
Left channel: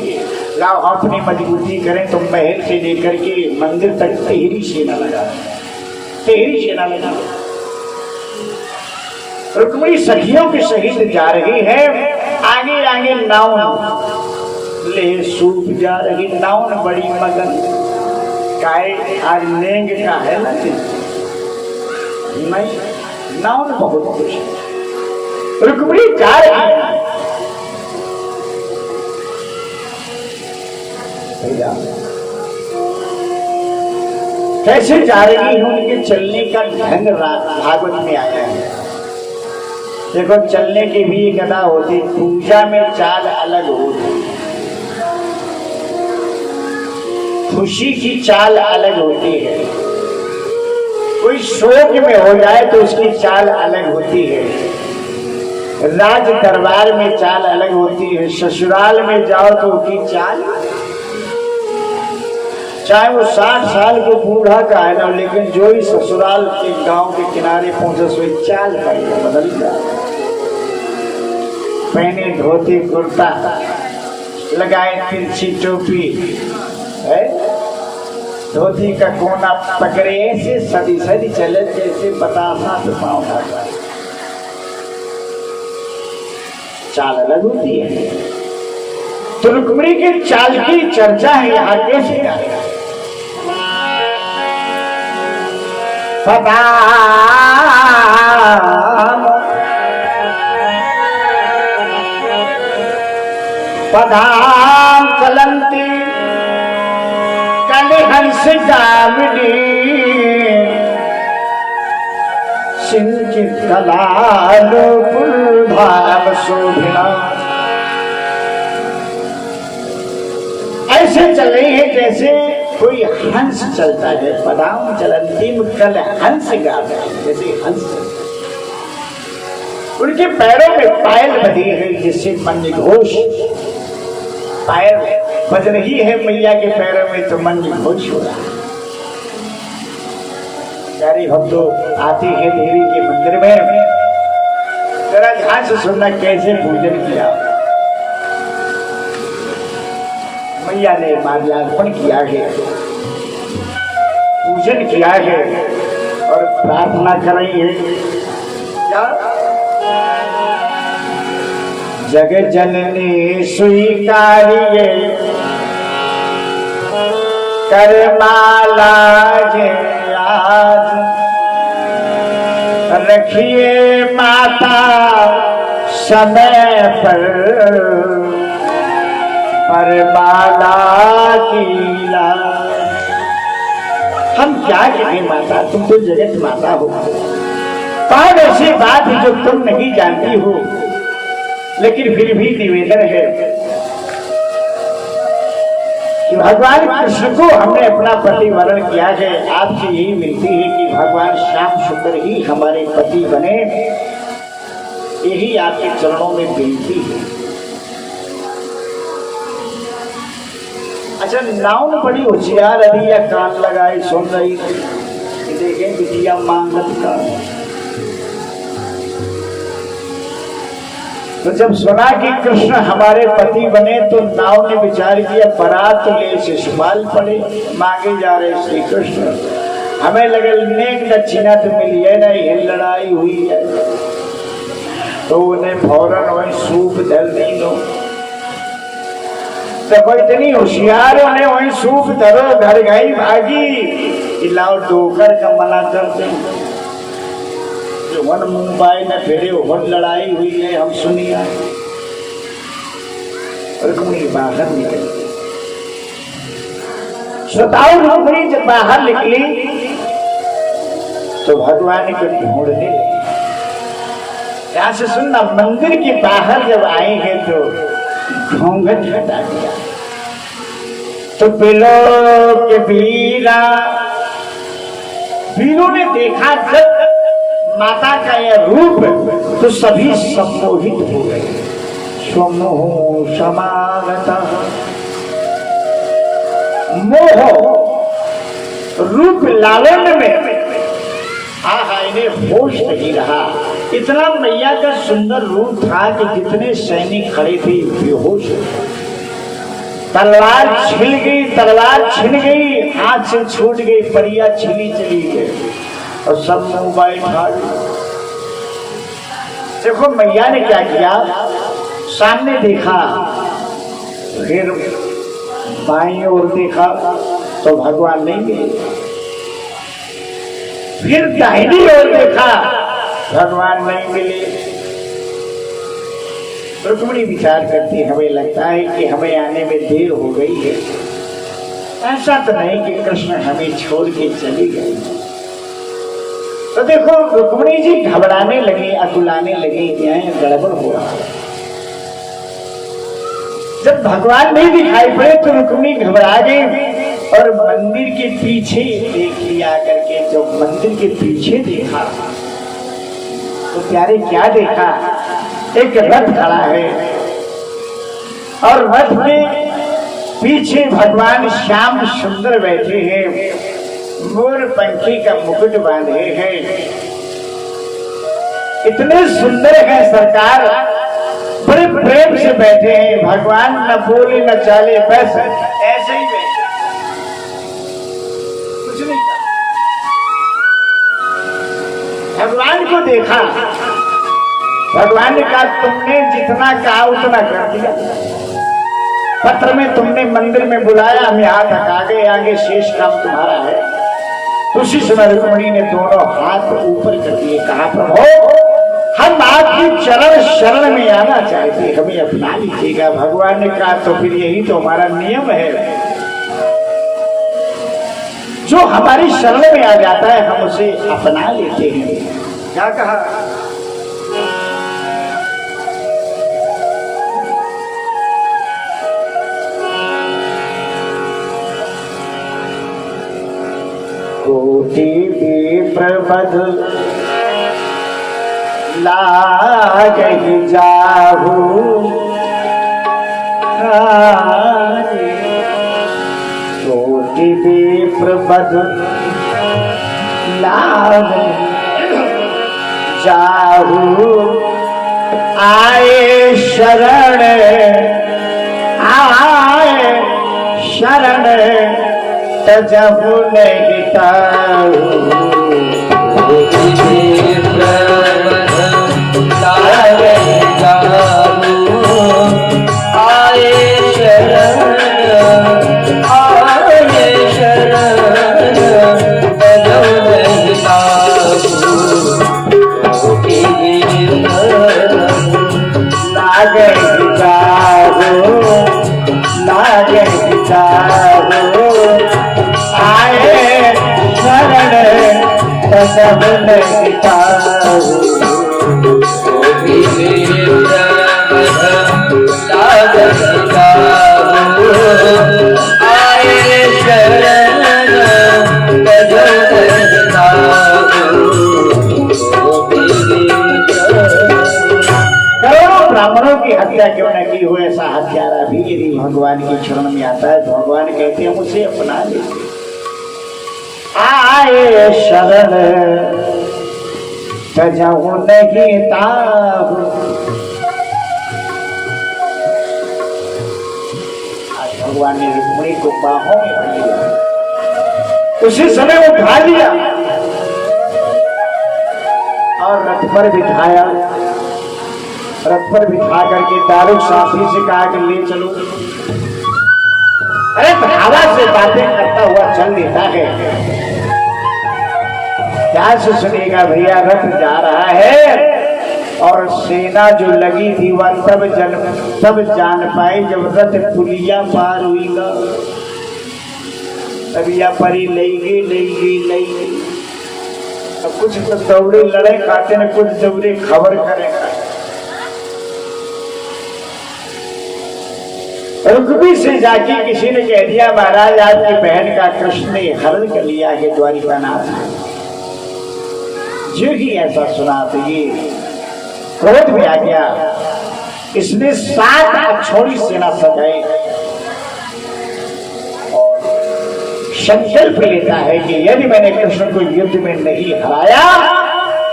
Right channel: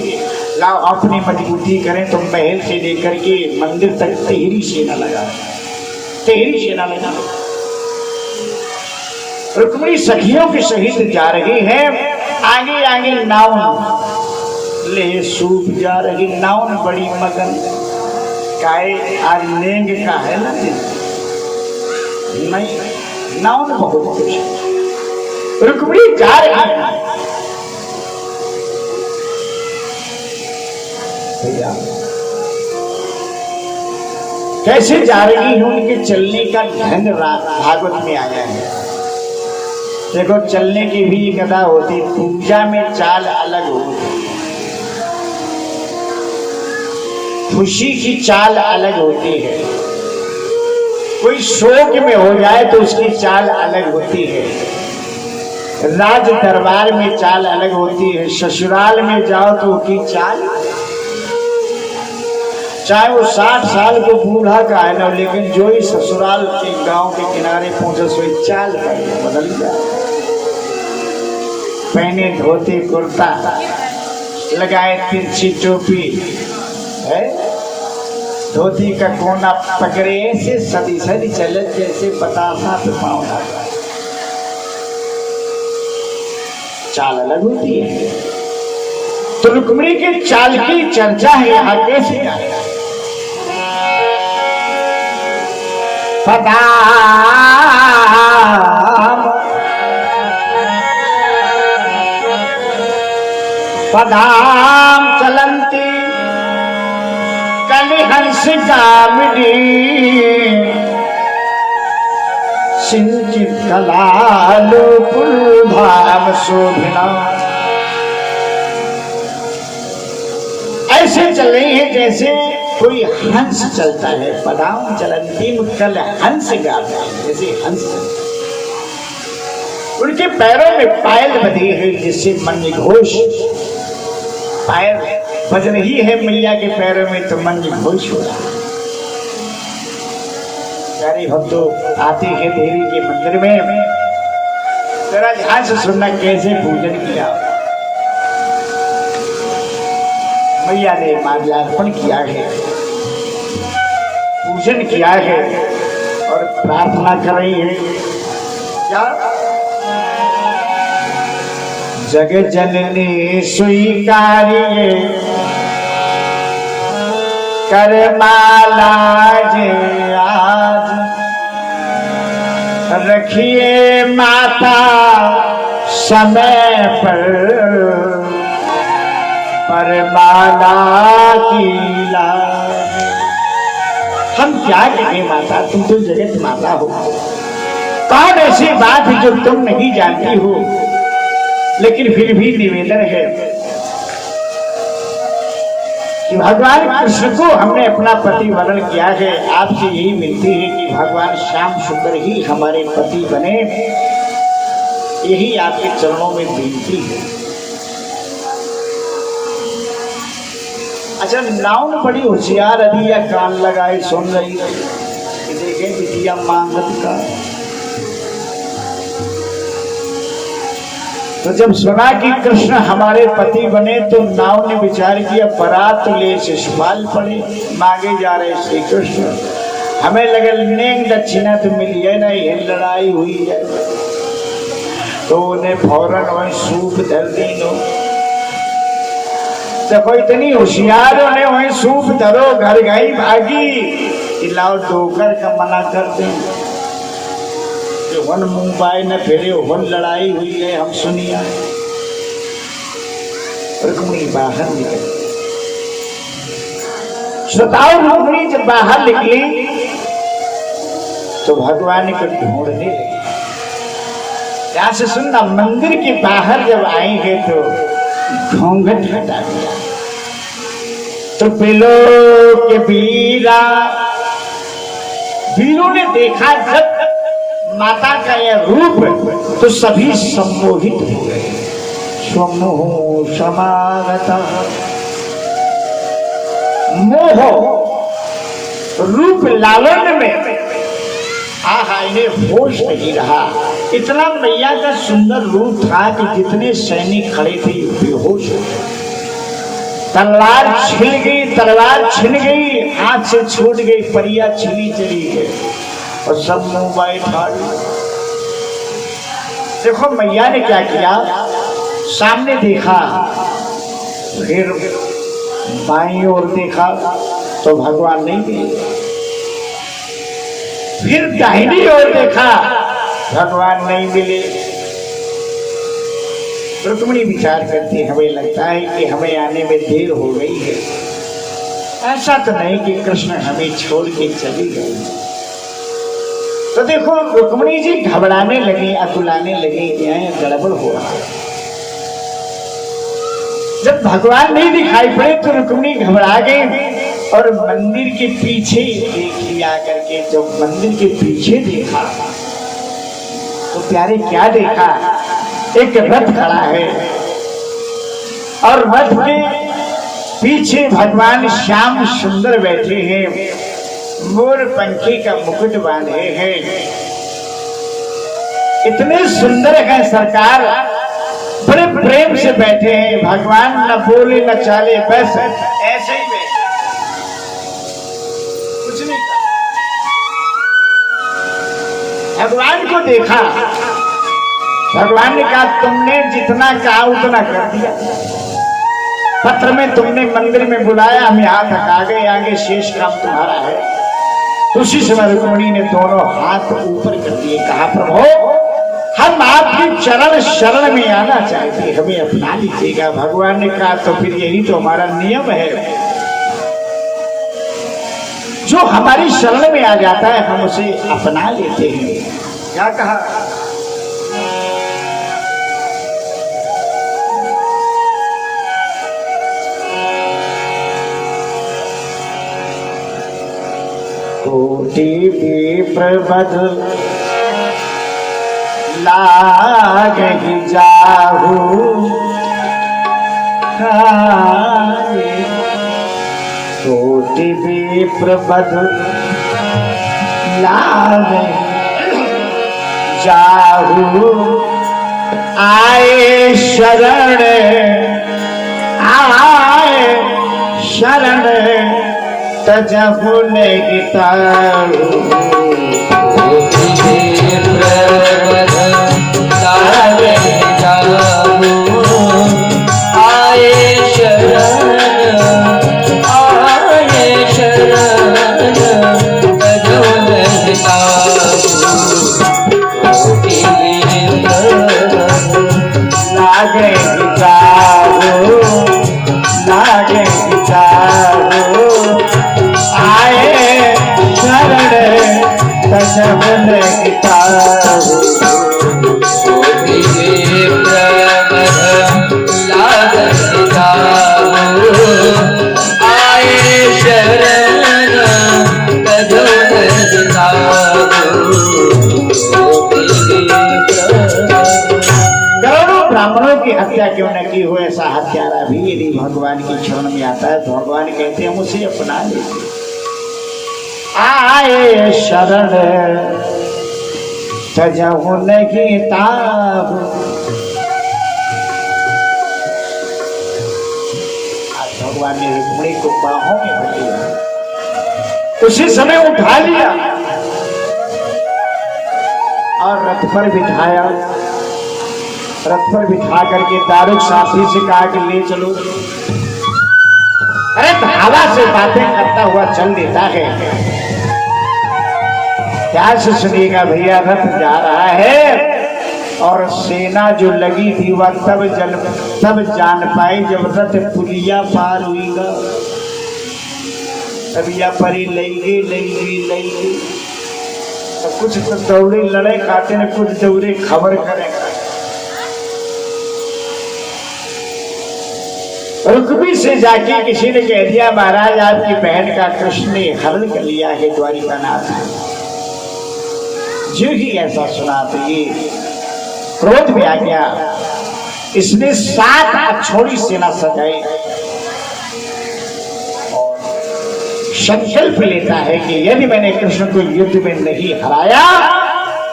लाओ अपनी मजबूती करें, तो महल से लेकर के मंदिर तक तेरी सेना लगा, तेरी सेना लगा। रुक्मिणी सखियों के सहित जा रही है आगे आगे नाव ले सूख जा रही, नाव में बड़ी मगन काहे आज लेंग का है ना नहीं, नाव में बहुत खुश है। रुक्मिणी जा रही है भैया, कैसे जा रही हूं, उनके चलने का ढंग भागवत में आया है। देखो चलने की भी एक अदा होती, पूजा में चाल अलग होती, खुशी की चाल अलग होती है, कोई शोक में हो जाए तो उसकी चाल अलग होती है, राज दरबार में चाल अलग होती है, ससुराल में जाओ तो उसकी चाल, चाहे वो 60 साल को बूढ़ा का है ना, लेकिन जो ही ससुराल के गांव के किनारे पहुंचे सोई चाल बदल जाए। पहने धोती कुर्ता, लगाए तिरछी टोपी है, धोती का कोना पकड़े ऐसे सदी सदी चले जैसे बतासा तो पाँव होगा, चाल अलग होती है। तो रुक्मिणी की चाल की चर्चा है यहाँ कैसे का पता पदाम चलंती कलिहंस गामिनी सिंचित कलालो भाव शोभिना। ऐसे चल रही है जैसे कोई हंस चलता है, पदाम चलंती कल हंस गा रहे जैसे हंस। उनके पैरों में पायल बधी है जिससे मन घोष, पायल बज रही है मैया के पैरों में तो मन घोष हो रहा है। प्यारे भक्तों आते हैं देवी के मंदिर में, जरा ध्यान से सुनना कैसे पूजन किया। मैया ने माल्यार्पण किया है, पूजन किया है और प्रार्थना कर रही है क्या, जगत जननी स्वीकारिए करमाला जे आज, रखिए माता समय पर परमादा की लाज। हम क्या कहें माता, तुम तो जगत माता हो, कौन ऐसी बात है जो तुम नहीं जानती हो, लेकिन फिर भी निवेदन है कि भगवान कृष्ण को हमने अपना पति वरण किया है, आपसे यही मिलती है कि भगवान श्याम सुंदर ही हमारे पति बने, यही आपके चरणों में विनती है। अच्छा नाउन बड़ी होशियार अभी या कान लगाए सुन रही थी, देखें बिटिया मांगत का। तो जब सुना कि कृष्ण हमारे पति बने तो नाव ने विचार किया बारात तो ले शिशुपाल पड़े, मांगे जा रहे श्री कृष्ण, हमें लगे नेक दक्षिणा तो मिली है ना, ये लड़ाई हुई है तो उन्हें फौरन वही सूप धर दी नो। तो इतनी होशियार उन्हें वही सूप धरो, घर गई भागी, लाओ डोकर का मना कर दें, वन मुंबई न फेरे वन लड़ाई हुई है हम सुनिया। रुक्मिणी बाहर निकली, श्रोताओ रुक्मिणी जब बाहर निकली तो भगवान को ढूंढने लगी। यहां से सुनना, मंदिर के बाहर जब आएंगे तो घूंघट हटा दिया तो पिलो के वीरा, वीरों ने देखा जब माता का यह रूप तो सभी सम्मोहित हो गए। स्वमोह समागता, मोह रूप लावण्य में आहा इन्हें होश नहीं रहा। इतना मैया का सुंदर रूप था कि जितने सैनिक खड़े थे बेहोश, तलवार छिल गई, तलवार छिन गई, हाथ से छूट गई, परिया छिली चली गई और सब मुंह बैठा। देखो मैया ने क्या किया, सामने देखा, फिर बाईं ओर देखा तो भगवान नहीं मिले, फिर दाहिनी ओर देखा, भगवान नहीं मिले। रुक्मिणी विचार करती, हमें लगता है कि हमें आने में देर हो गई है। ऐसा तो नहीं कि कृष्ण हमें छोड़ के चली गई। तो देखो रुक्मिणी जी घबराने लगे, अकुलाने लगे, यहाँ गड़बड़ हुआ। जब भगवान नहीं दिखाई पड़े तो रुक्मिणी घबरा गई और मंदिर के पीछे देख लिया करके। जब मंदिर के पीछे देखा तो प्यारे क्या देखा, एक रथ खड़ा है और रथ में पीछे भगवान श्याम सुंदर बैठे हैं, मोर पंखी का मुकुट बांधे हैं। इतने सुंदर है सरकार, बड़े प्रेम से बैठे हैं। भगवान न बोले न चाले, बस ऐसे ही बैठे, कुछ नहीं। भगवान को देखा, भगवान ने कहा तुमने जितना कहा उतना कर दिया। पत्र में तुमने मंदिर में बुलाया, हम यहाँ तक आ गए, आगे शेष काम तुम्हारा है। उसी समय रुक्मिणी ने दोनों हाथ ऊपर कर दिए, कहा प्रभु हम आपकी चरण शरण में आना चाहते, हमें अपना लीजिएगा। भगवान ने कहा तो फिर यही तो हमारा नियम है, जो हमारी शरण में आ जाता है हम उसे अपना लेते हैं। क्या कहा, कोटि विप्रबध लागहि जाहु, कोटि विप्रबध लागहि जाहु, आए शरण तजहु नहीं तारू। क्यों न की हो, ऐसा हत्यारा भी यदि भगवान की शरण में आता है तो भगवान कहते हैं मुझे अपना लेते। आए शरण तजहु नहीं ताहु, भगवान ने रुक्मिणी को बाहों में भर लिया, उसी समय उठा लिया और रथ पर बिठाया। रथ पर बिठा करके दारुक साथी से कहा कि ले चलो। अरे हवा से बातें करता हुआ चल देता है, ध्यान से सुनिएगा भैया। रथ जा रहा है और सेना जो लगी थी वह तब जान पाई जब रथ पुलिया पार हुईगा। तब या परी लेगी कुछ दौड़े लड़े काटे ने, कुछ दौड़े खबर करेगा। रुक्मी से जाके किसी ने कह दिया महाराज आपकी बहन का कृष्ण ने हरण कर लिया है द्वारिकानाथ। जो ही ऐसा सुना तो ये क्रोध में आ गया। इसने 7 अक्षौणी सेना सजाई और संकल्प लेता है कि यदि मैंने कृष्ण को युद्ध में नहीं हराया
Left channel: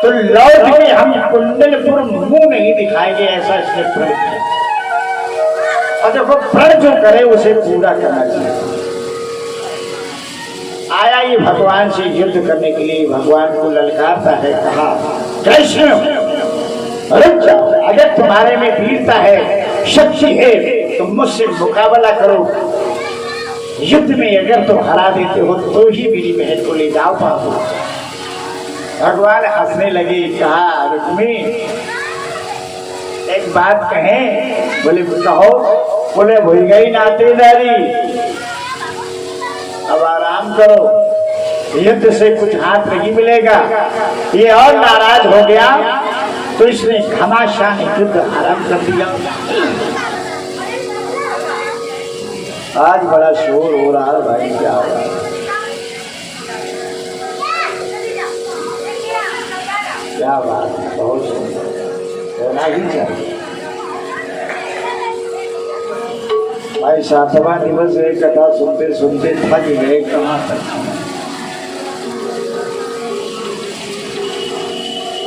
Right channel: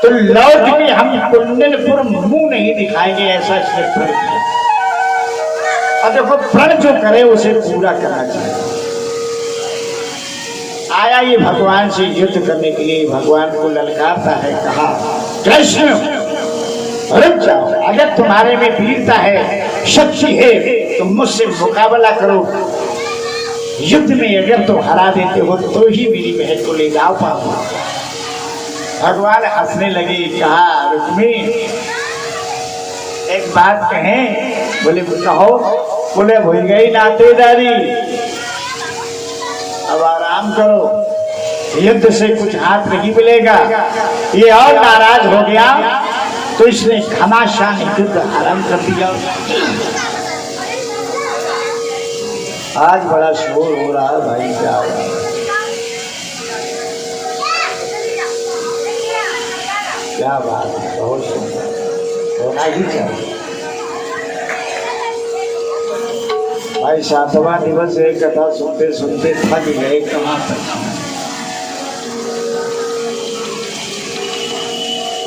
तो लौट के हम कुंडलपुर मुंह नहीं दिखाएंगे, ऐसा इसने प्रण किया। और देखो प्रण जो करे उसे पूरा करना चाहिए। आया ये भगवान से युद्ध करने के लिए, भगवान को ललकारता है, कहा कृष्ण रुक जाओ, अगर तुम्हारे में वीरता है, शक्ति है तो मुझसे मुकाबला करो, युद्ध में अगर तो हरा देते हो तो ही मेरी बहन को ले जाओ पाओ। भगवान हंसने लगे, कहा रुक्मी एक बात कहें? बोले कहो। बोले भूल गई नातेदारी, अब आराम करो, युद्ध से कुछ हाथ नहीं मिलेगा। ये और नाराज हो गया तो इसने घमासान युद्ध आरंभ कर दिया। आज बड़ा शोर हो रहा है भाई, क्या हो रहा है? क्या बात है, बहुत सुंदर, होना ही चाहिए भाई। 7वां दिवस एक कथा सुनते सुनते थक गए, कहाँ तक।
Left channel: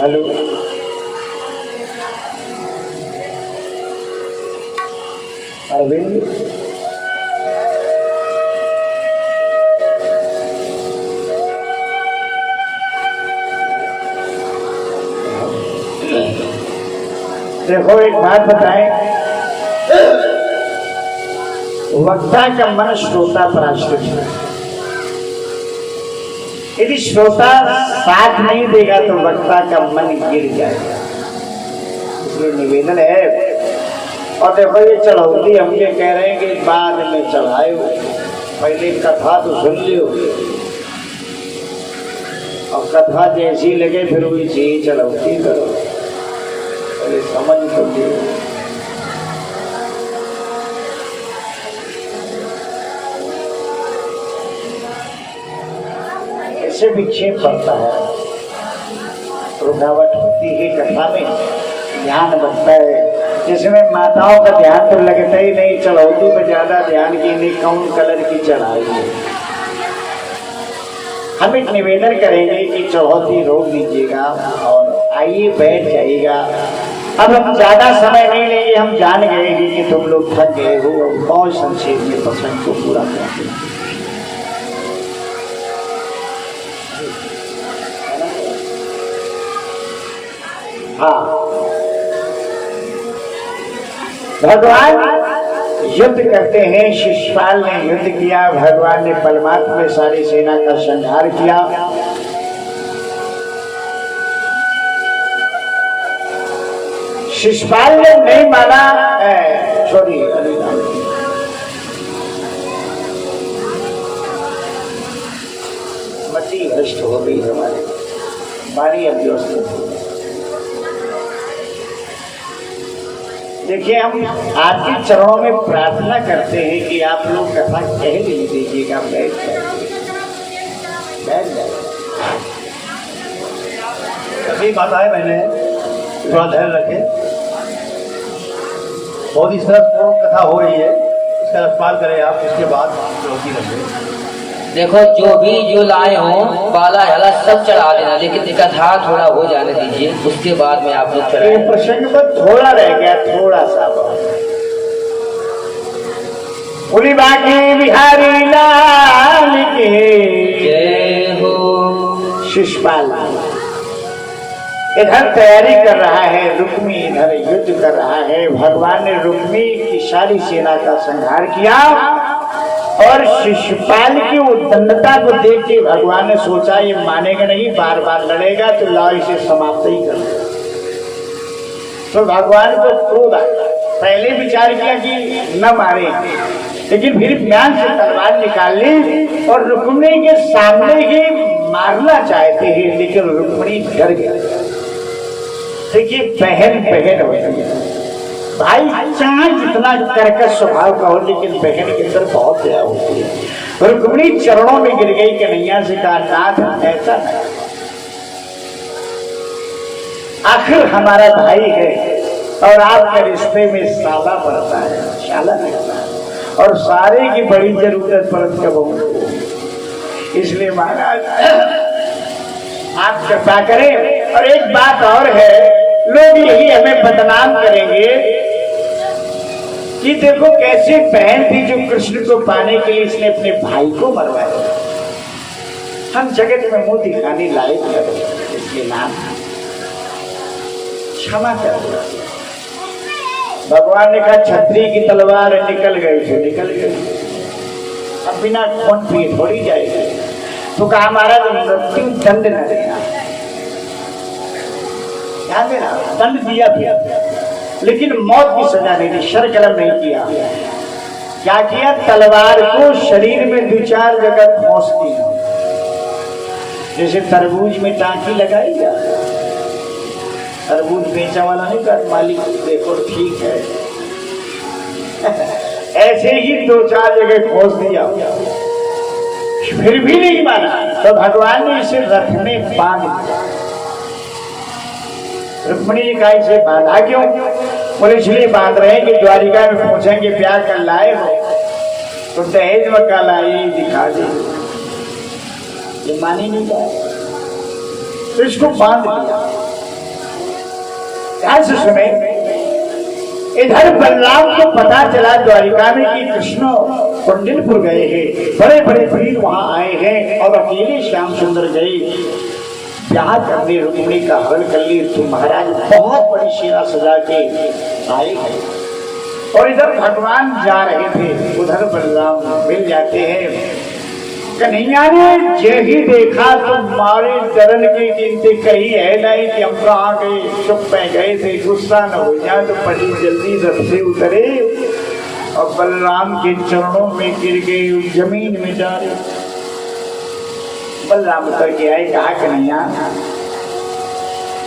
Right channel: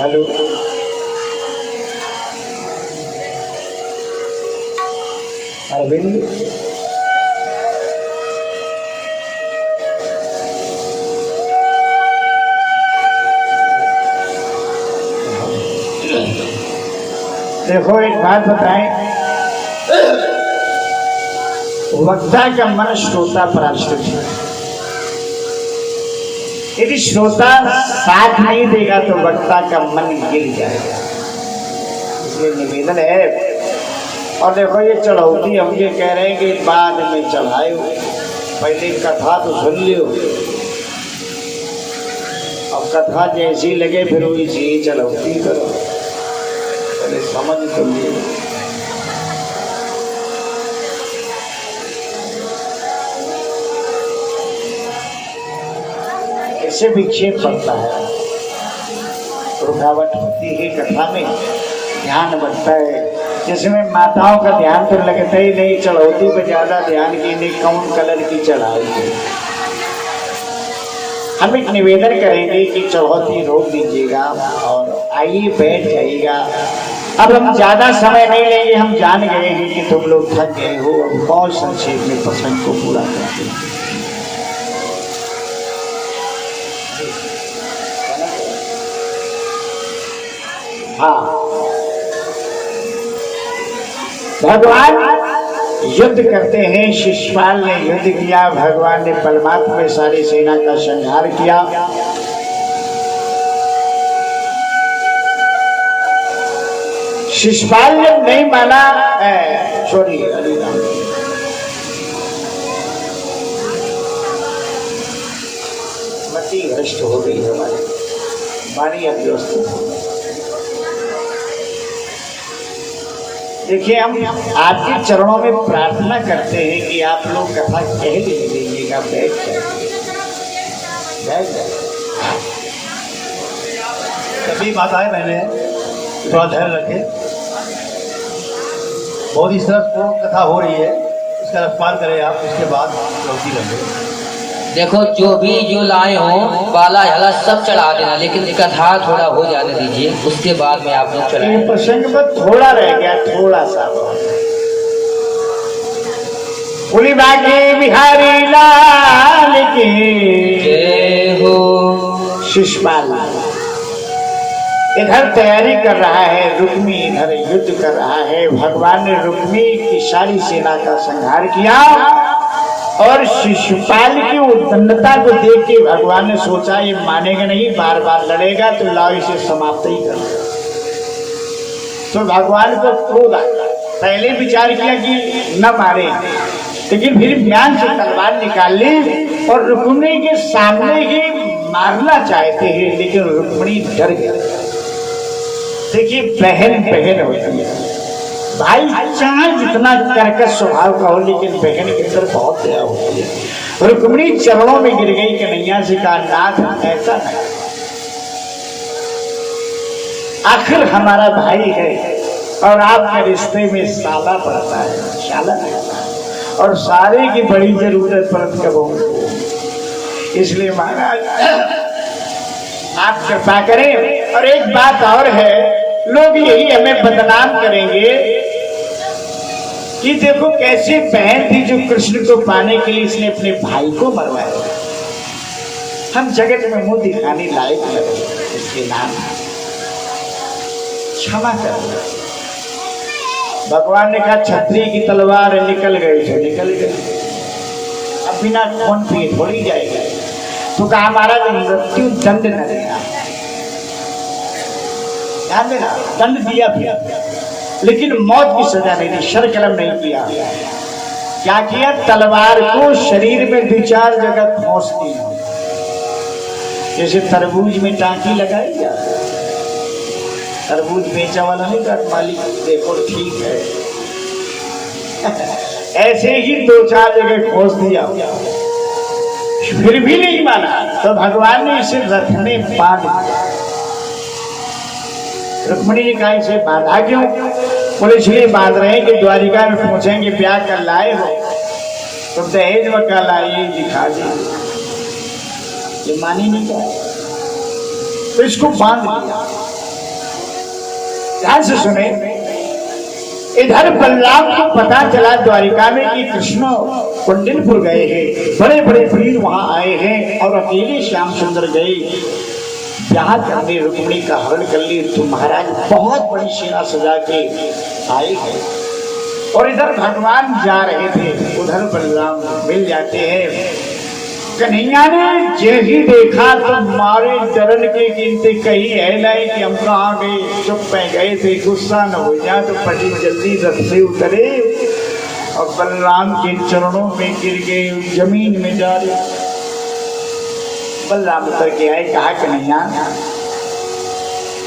हेलो, अरविंद, देखो एक बात बताएं, वक्ता का मन श्रोता पर आश्रित है। यदि श्रोता साथ नहीं देगा तो वक्ता का मन गिर जाएगा। ये निवेदन है। और देखो ये चढ़ौती हम ये कह रहे हैं कि बाद में चढ़ाए, पहले कथा तो सुन लियो, और कथा जैसी लगे फिर वैसी ही चढ़ौती करो, पहले समझ तो लियो। इससे विक्षेप बनता है, रुकावट होती है कथा में, ध्यान बनता है। जिसमें माताओं का ध्यान तो लगता ही नहीं, चढ़ौती पर ज्यादा ध्यान की नहीं, कौन कलर की चढ़ाएंगे। हम एक निवेदन करेंगे कि चढ़ौती रोक दीजिएगा और आइए बैठ जाइएगा। अब हम ज्यादा समय नहीं लेंगे, हम जान गए कि तुम लोग थक गए हो, बहुत संक्षेप में प्रसंग को पूरा करते हैं। हाँ, भगवान युद्ध करते हैं। शिशुपाल ने युद्ध किया, भगवान ने परमात्मा में सारी सेना का संहार किया। शिशुपाल ने नहीं माना, सॉरी मति भ्रष्ट हो गई हमारी, बारी अभ्यस्त हो गई। देखिए, हम आपके चरणों में प्रार्थना करते हैं कि आप लोग कथा कह दीजिएगा, बैठ जाइए। सभी माताएं बहने थोड़ा धैर्य रखें, बहुत ही सरसपूर्ण कथा हो रही है, इसका रसपान करें आप, इसके बाद रोटी लगे। देखो जो भी जो लाए हो बाला हला सब चढ़ा देना, लेकिन कथा थोड़ा हो जाने दीजिए, उसके बाद में आप लोग चढ़ाएं। प्रसंग में थोड़ा रह गया, थोड़ा सा। बोली बाकी बिहारी लाल के जय हो। शिशुपाल इधर तैयारी कर रहा है, रुक्मी इधर युद्ध कर रहा है। भगवान ने रुक्मी की सारी सेना का संहार किया और शिशुपाल की उद्दंडता को देख के भगवान ने सोचा ये मानेगा नहीं, बार बार लड़ेगा, तो लाओ इसे समाप्त ही कर। तो भगवान को क्रोध आ गया। पहले विचार किया कि न मारे, लेकिन फिर ज्ञान से तलवार निकाल ली और रुक्मिणी के सामने ही मारना चाहते हैं, लेकिन रुक्मिणी डर गया। देखिए, बहन बहन हो गई, भाई चाहे जितना कर्कश स्वभाव का हो, लेकिन बहन के अंदर बहुत दया होती है। रुक्मिणी चरणों में गिर गई, कन्हैया से कहा, नाथ ऐसा नहीं, आखिर हमारा भाई है और आपके रिश्ते में सादा पड़ता है, शाला पड़ता है, और सारे की बड़ी जरूरत पड़ती है, इसलिए महाराज आप कृपा करें। और एक बात और है, लोग यही हमें बदनाम करेंगे कि देखो कैसी बहन थी जो कृष्ण को पाने के लिए इसने अपने भाई को मरवाया। हम जगत में मुंह दिखाने लायक करें, इसके नाम क्षमा कर। भगवान ने कहा छत्री की तलवार है, निकल गई तो निकल गई, अब बिना खून पिए थोड़ी जाएगी। तो कहा महाराज मृत्यु दंड न देना, ध्यान देना, दंड दिया था लेकिन मौत की सजा नहीं दी, शरकलम नहीं किया। क्या किया? तलवार को शरीर में 2-4 जगह ठोस दी, जैसे तरबूज में टांकी लगाई जाए, तरबूज बेचा वाला नहीं कर मालिक देखो ठीक है ऐसे ही 2-4 जगह ठोस दिया, फिर भी नहीं माना तो भगवान ने इसे रथ में बांध दिया। रुक्मिणी ने कहा इसे बांधा क्यों? बोले इसलिए बांध रहे हैं कि द्वारिका में पहुंचेंगे, प्यार कर लाए हो तो दहेज वका लाए दिखा दे, ये मानी नहीं का, तो इसको बांध दिया। ध्यान से सुने, इधर बलराम को पता चला द्वारिका में कि कृष्ण कुंडलपुर गए हैं, बड़े बड़े वीर वहां आए हैं और अकेले श्याम सुंदर गए ब्याह करने, रुक्मिणी का हरण कर लिए, तो महाराज बहुत बड़ी सेना सजा के आए हैं। और इधर भगवान जा रहे थे, उधर बलराम मिल जाते हैं। कन्हैया ने जैसे देखा तो मारे डरन के गिनते कही है नहीं कि हम कहाँ गए, चुप पे गए थे, गुस्सा न हो जाए तो पति जल्दी रथ से उतरे और बलराम के चरणों में गिर गए, जमीन में जा रहे। बलराम उतर के आए, कहा कन्हैया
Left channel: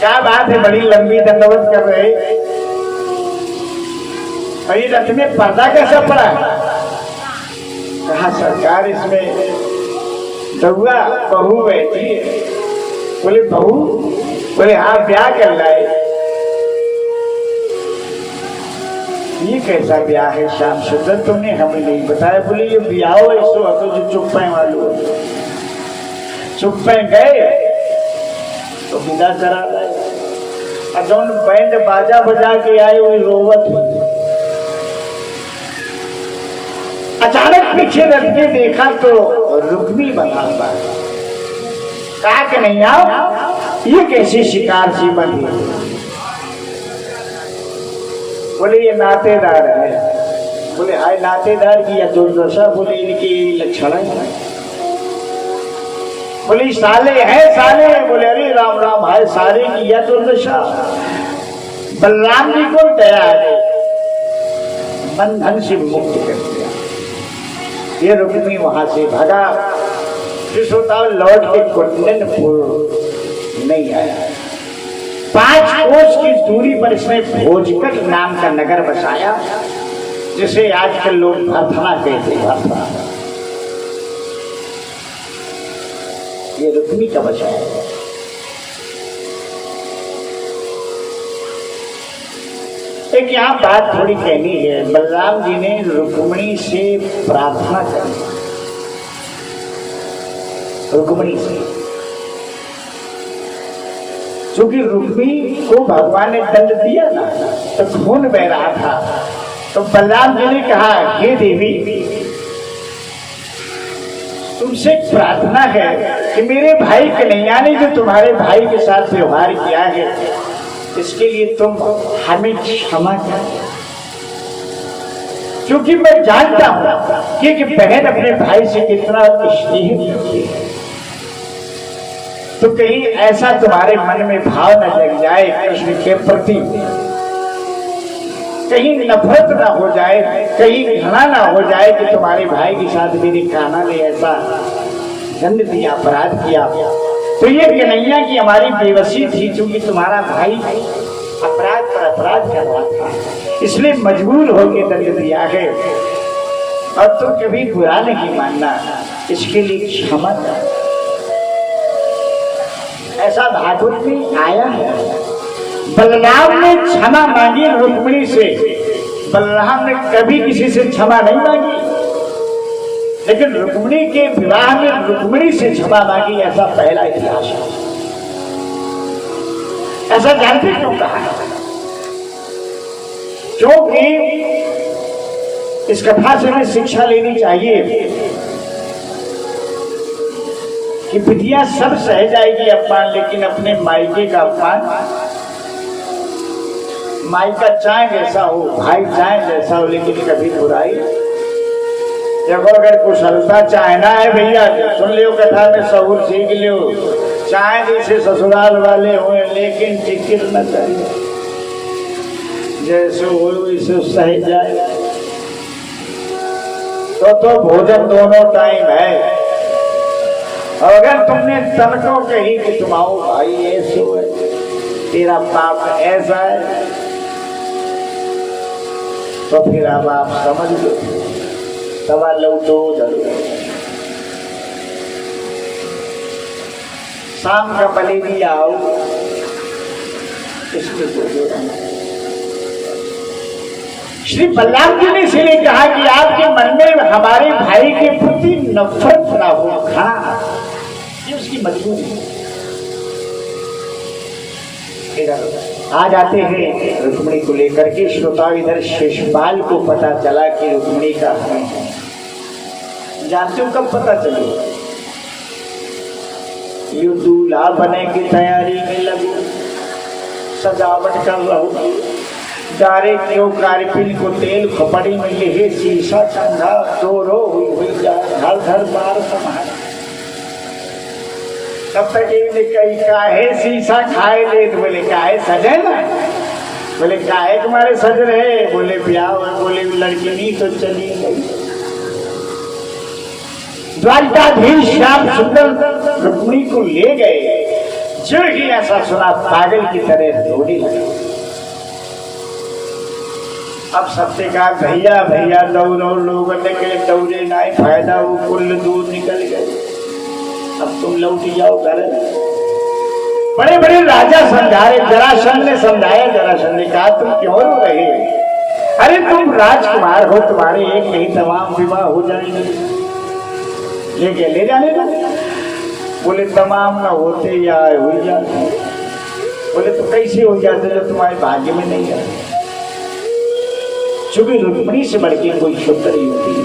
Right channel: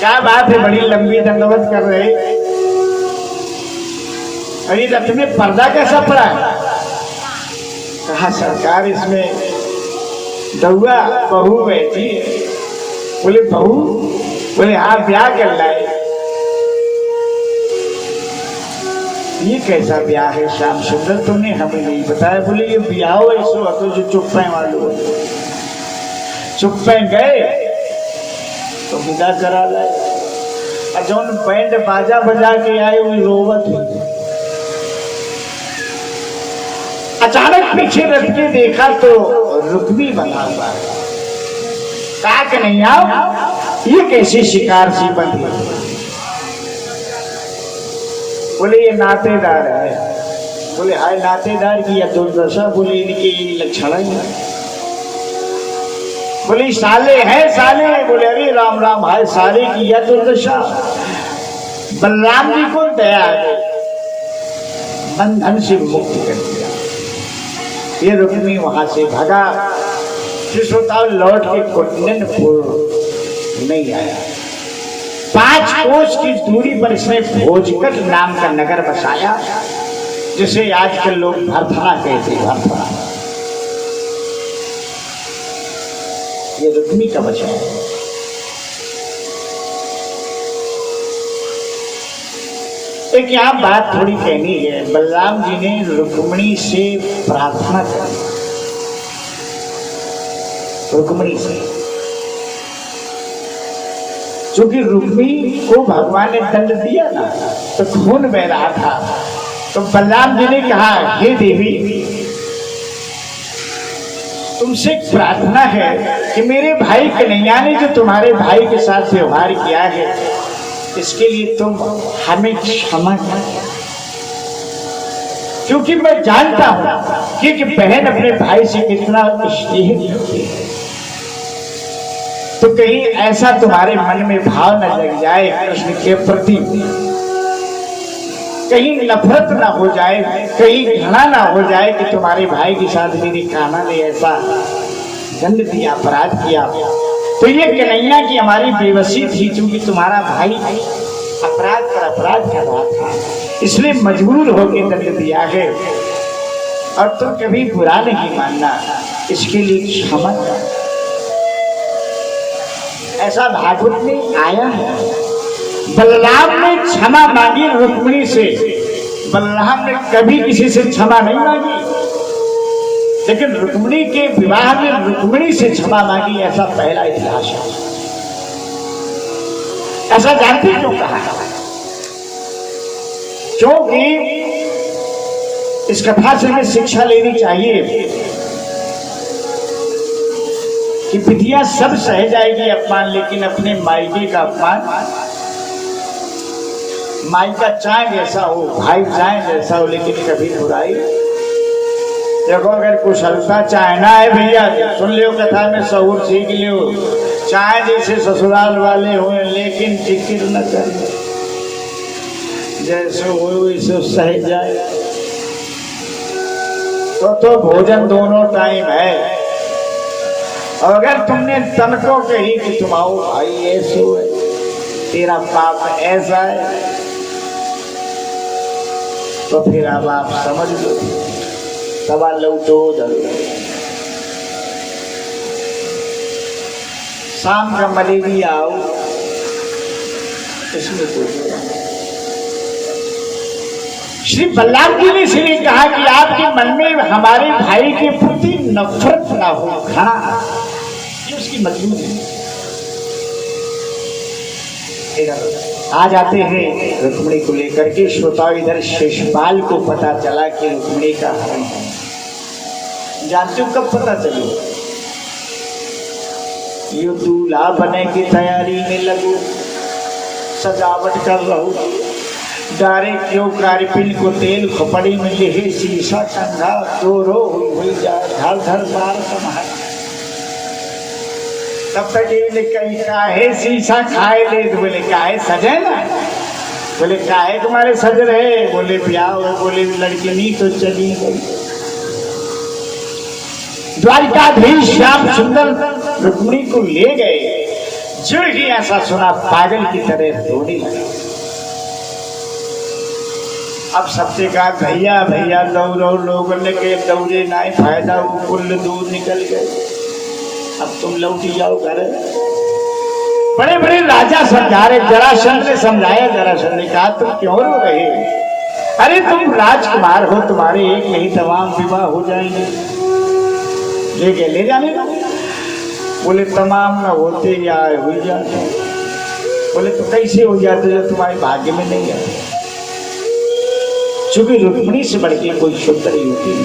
क्या बात है, बड़ी लंबी दंडवत कर रहे, अरे रथ में पर्दा कैसा पड़ा है? कहा सरकार इसमें दौआ बहू बैठी है। बोले बहू? बोले हाँ ब्याह कर लाए। ये कैसा ब्याह है श्याम सुंदर, तुमने हमें नहीं बताया। बोले ये ब्याह हो ऐसो तो जो चुप पे मालूम, चुप पे गए तो विदा करा लाए, और जो बैंड बाजा बजा के आए वही रोवत हुई। अचानक पीछे रख के देखा तो रुक्मी बना हुआ, कहा कि नहीं आओ ये कैसी शिकार सी बनी? बोले ये नातेदार है। बोले हाय नातेदार की या दुर्दशा? बोले इनके लक्षण है। बोले साले हैं साले? बोले अरे राम राम, हाय साले की या दुर्दशा? बलराम जी को दया आ गई, बंधन से मुक्त कर दिया। ये रुक्मी वहां से भागा, कृष्णताल लौट के कुंडलपुर नहीं आया। 5 कोस की दूरी पर इसने भोजकट नाम का नगर बसाया, जिसे आजकल लोग भरथना कहते हैं। भरथना ये रुक्मी का बचा है। एक यहाँ बात थोड़ी कहनी है, बलराम जी ने रुक्मिणी से प्रार्थना करी, रुक्मिणी से, क्योंकि रुक्मिणी को भगवान ने दंड दिया ना तो खून बह रहा था, तो बलराम जी ने कहा हे देवी तुमसे प्रार्थना है कि मेरे भाई कन्हैया ने जो तुम्हारे भाई के साथ व्यवहार किया है इसके लिए तुम हमें क्षमा कर, क्योंकि मैं जानता हूं कि बहन अपने भाई से कितना स्नेह करती है, तो कहीं ऐसा तुम्हारे मन में भाव न जग जाए कृष्ण के प्रति, कहीं नफरत ना हो जाए, कहीं घृणा ना हो जाए कि तुम्हारे भाई के साथ मेरी कान्हा ने ऐसा दंड दिया, अपराध किया। तो ये कन्हैया की हमारी बेबसी थी, क्योंकि तुम्हारा भाई अपराध पर अपराध कर रहा था, इसलिए मजबूर होकर दंड दिया है, और तुम कभी बुरा नहीं मानना, इसके लिए क्षमा कर। ऐसा भागवत में आया है। बलराम ने क्षमा मांगी रुक्मिणी से, बलराम ने कभी किसी से क्षमा नहीं मांगी, लेकिन रुक्मिणी के विवाह में रुक्मिणी से क्षमा मांगी, ऐसा पहला इतिहास है। ऐसा जानते क्यों कहा? क्योंकि इस कथा से हमें शिक्षा लेनी चाहिए कि विधिया सब सह जाएगी अपमान, लेकिन अपने मायके का अपमान माई का चाहे जैसा हो, भाई चाहे जैसा हो, लेकिन कभी बुराई देखो। अगर कुशलता चाहना है भैया, सुन लियो कथा में सहूर सीख लियो। चाहे जैसे ससुराल वाले हो, लेकिन जिक्र न कर, जैसे हो वैसे सह जाए। तो भोजन दोनों टाइम है। और अगर तुमने तनको कही कि तुम आओ भाई ऐसे हो, तेरा बाप ऐसा है, तो फिर अब आप समझ लो, तवा लौटो जरूर। शाम का भले भी आओ, इसमें तो श्री बल्लाभ जी ने इसलिए कहा कि आपके मन में हमारे भाई के प्रति नफरत ना हो। हाँ, ये उसकी मजबूरी। आ जाते हैं रुक्मिणी को लेकर के। श्रोता इधर शेषपाल को पता चला कि रुक्मिणी का है। जानते हो कब पता चली? ये दूल्हा बने की तैयारी में लगो, सजावट कर रहो, डारे क्यों कारपिन को तेल खोपड़ी में ले शीशा कंधा दोरो हुई जाए घर घर बार संभाल। तब तक ये कही काहे शीशा खाए ले, तो बोले काहे सजे ना, बोले काहे तुम्हारे सज रहे, बोले ब्याह हुए, बोले लड़की नहीं तो चली गई। द्वारकाधीश श्याम सुंदर रुक्मिणी को ले गए। जुड़ ही ऐसा सुना, पागल की तरह दौड़ी लगी। अब सबसे कहा भैया भैया दौड़ो, लोगों ने के दौड़े ना फायदा, वो कुल दूर निकल गए, अब तुम लौटी जाओ घर। बड़े बड़े राजा समझा रहे, जरासंध ने समझाया। जरासंध ने कहा तुम क्यों रो रहे हो? अरे तुम राजकुमार हो, तुम्हारे एक नहीं तमाम विवाह हो जाएंगे, ले जाने दो। बोले तमाम न होते या हो जाते। बोले तो कैसे हो जाते जो तुम्हारे भाग्य में नहीं आते? चूंकि रुक्मिणी से बढ़ के कोई सुंदर युवती नहीं।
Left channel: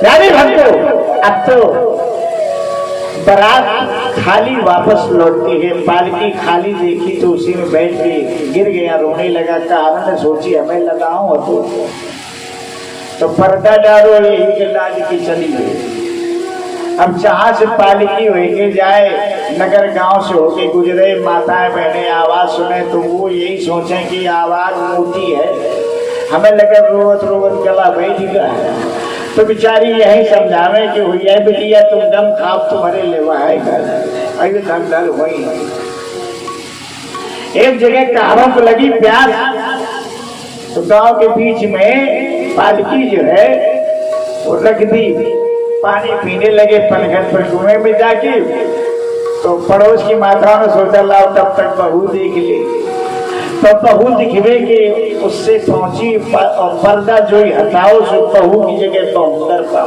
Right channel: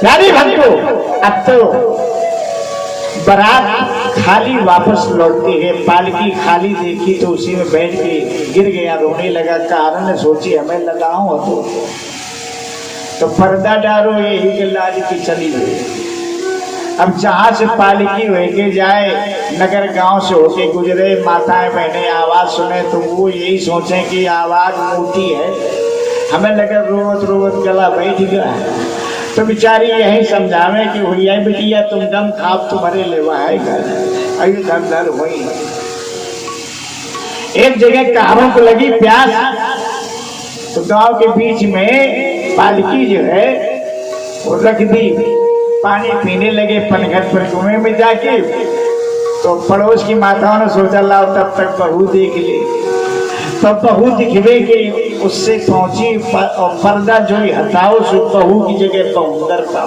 प्यारे भक्तों, अब तो बारात खाली वापस लौटती है। पालकी खाली देखी तो उसी में बैठ के गिर गया, रोने लगा। कारण ने सोची हमें लगाऊं तो पर्दा डालो, यही के लाज की चली गई। अब जहां से पालकी होके जाए, नगर गांव से होके गुजरे, माताएं बहने आवाज सुने तो वो यही सोचे कि आवाज ऊंची है, हमें लगा रोवत रोवत गला बैठ गया। तो बेचारी यही समझावे कि भैया बेटिया तुम दम खाप तुम्हारे लेवा है घर, ऐसे दम दल हुई। एक जगह कहारों को लगी प्यास, तो गांव के बीच में पालकी जो है वो रख दी। पानी पीने लगे पनघट पर कुएं में जाके। तो पड़ोस की माताओं ने सोचा लाओ तब तक बहू देख ले। तो बहू दिखवे के उससे पहुंची, और पर्दा जो हटाओ सो बहू की जगह बहुंदर का।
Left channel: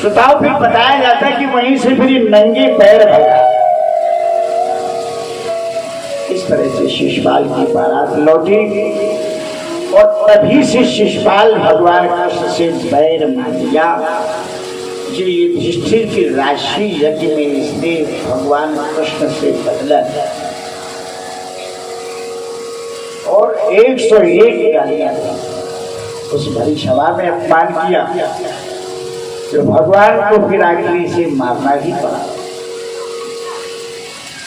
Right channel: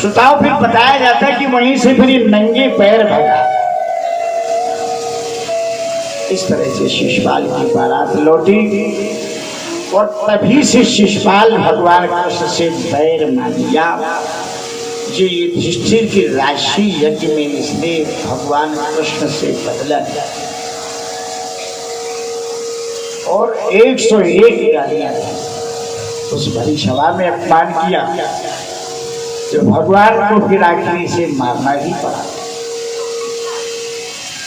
सुताओ फिर बताया जाता है कि वहीं से फिर नंगे पैर भगा। इस तरह से शिशुपाल की बारात लौटी, और तभी से शिशुपाल भगवान कृष्ण से बैर मान लिया। जो ये युधिष्ठिर की राशि यज्ञ में इसने भगवान कृष्ण से बदला और 101 गालियां उस भरी सभा में अपमान किया, जो भगवान को फिर आखिरी से मारना ही पड़ा।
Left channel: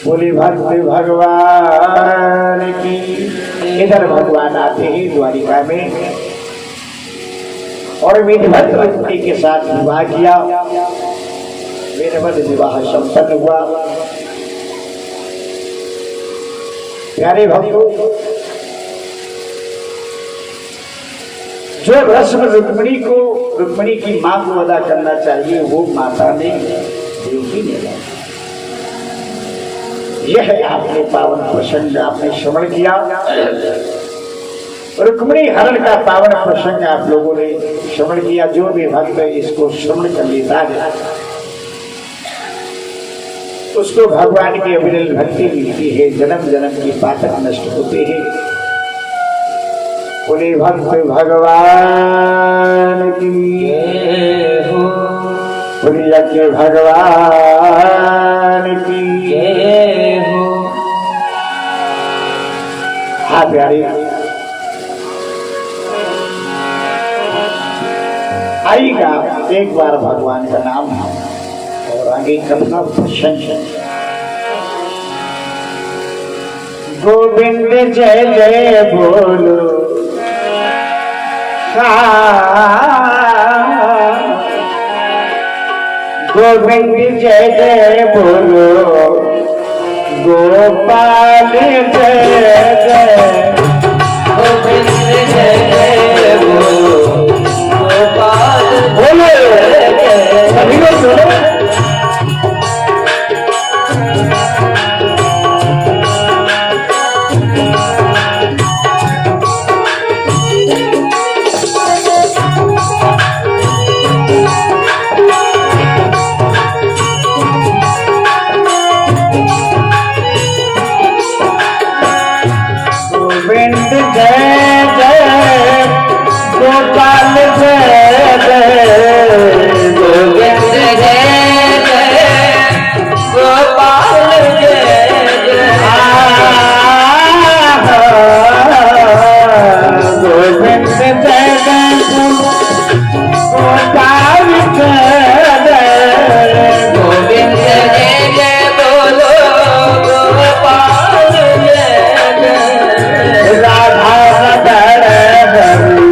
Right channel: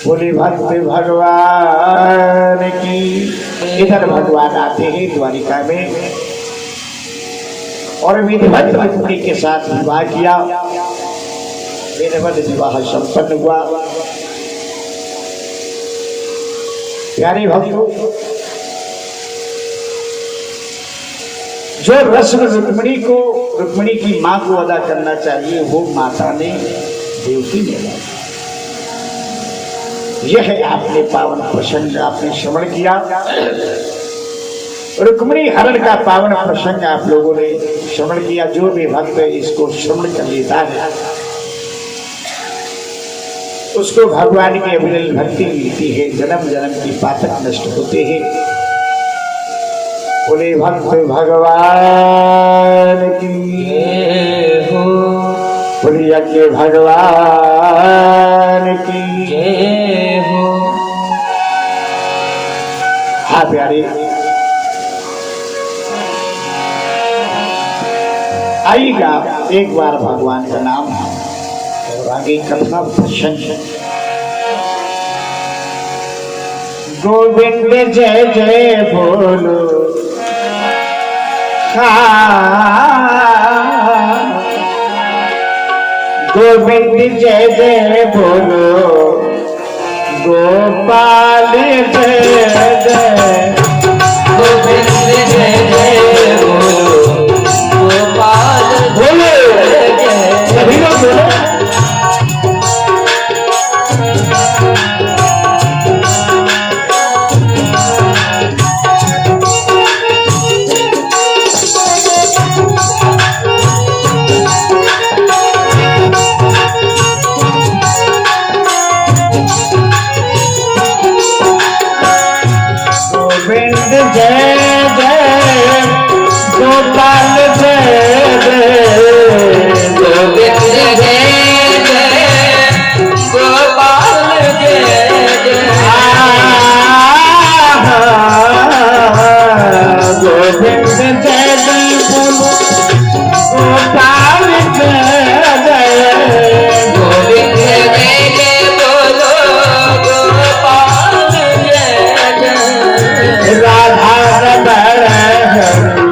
बोले भक्त भगवान की। इधर भगवान आते हैं द्वारिका में, और विधिवत रुक्मिणी के साथ विवाह किया। विधिवत विवाह संपन्न हुआ। प्यारे भक्तों, जो रस्म रुक्मिणी की मां को अदा करना चाहिए, वो माता ने देवकी ने अदा। यह है आपने पावन प्रसंग आपने श्रवण किया। रुक्मिणी हरण का पावन प्रसंग आप लोगों ने श्रवण किया। जो भी भक्त इसको श्रवण कर लेता है उसको भगवान की अविरल भक्ति मिलती है, जन्म जन्म की पातक नष्ट होते हैं। बोले भक्त भगवान की हो, बोलिया के भगवान की हो। प्यारे, आइएगा एक बार भगवान का नाम और आगे कथा प्रशंसा। गोविंद जय जय बोलो, गोविंद जय जय बोलो, गोपाल जय जय, गोविंद जय जय बोलो, गोपाल बोलो जय जय। सभी लोग बोलो। गोविंद जय जय, गोपाल जय जय, गोविंद जय जय, गोपाल जय जय। गोविंद जय जय गोपाल जय जय, गोविंद जय जय बोलो, गोपाल जय जय। राधा रमण हरि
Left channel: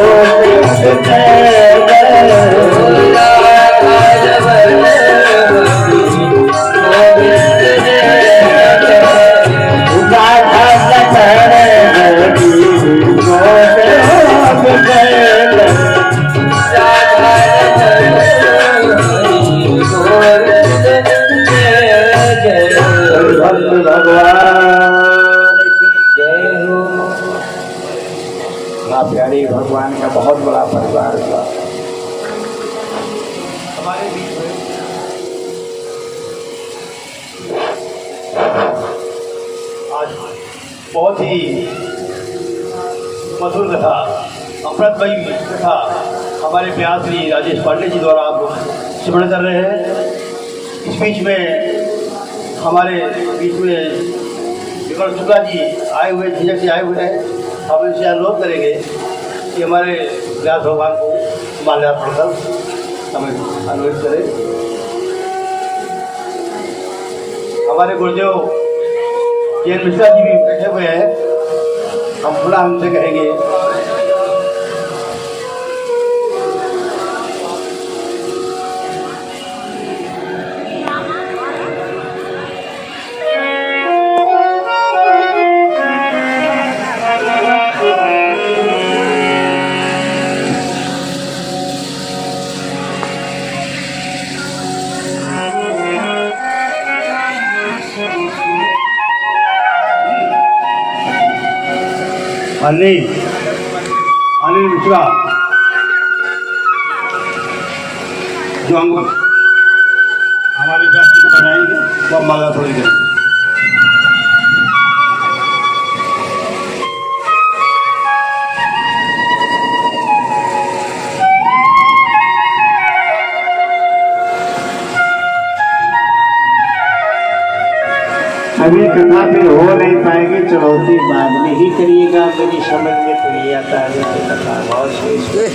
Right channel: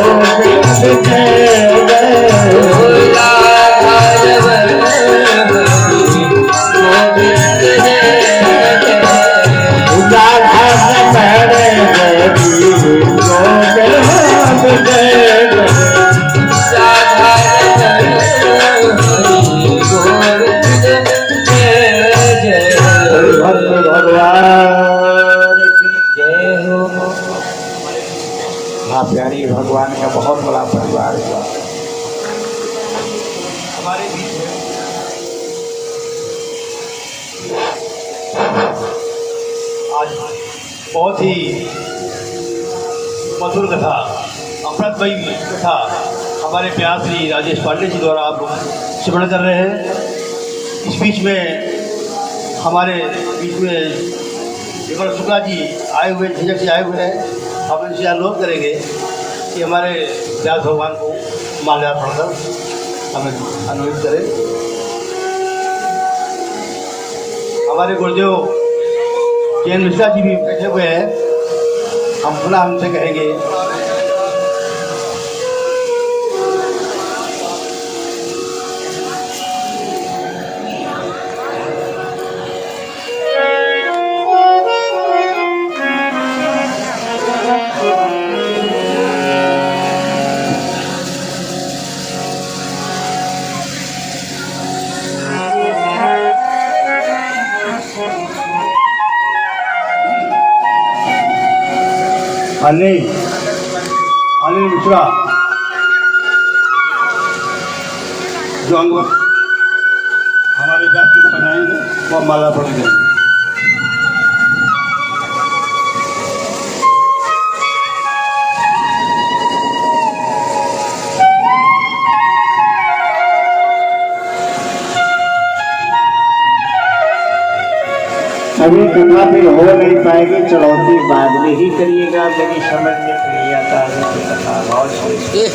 गोविंद जय जय, राधा रमण हरि गोविंद जय जय। भक्त भगवान की माँ प्यारी भगवान का बहुत बड़ा परिवार हुआ। हमारे बीच में आज बहुत ही मधुर कथा, अमृतमयी कथा हमारे प्यार श्री राजेश पांडे जी द्वारा आप श्रवण कर रहे हैं। इस बीच में हमारे बीच में विमल शुक्ला जी आए हुए, झिझक जी आए हुए हैं। हम इनसे अनुरोध करेंगे कि हमारे व्यास भगवान को माल्यार्पण कर हमें अनुरोध करें। हमारे गुरुदेव जैन मिश्रा जी भी बैठे हुए हैं, हम पुनः उनसे कहेंगे। अनिल मिश्रा जो अंग हमारे व्यास जी को बनाएंगे वो हम माला पूरी करेंगे। अभी कथा भी हो नहीं पाएगी, चढ़ौती बाद में ही करिएगा। मेरी समझ में तो ये आता है कि कथा बहुत श्रेष्ठ है।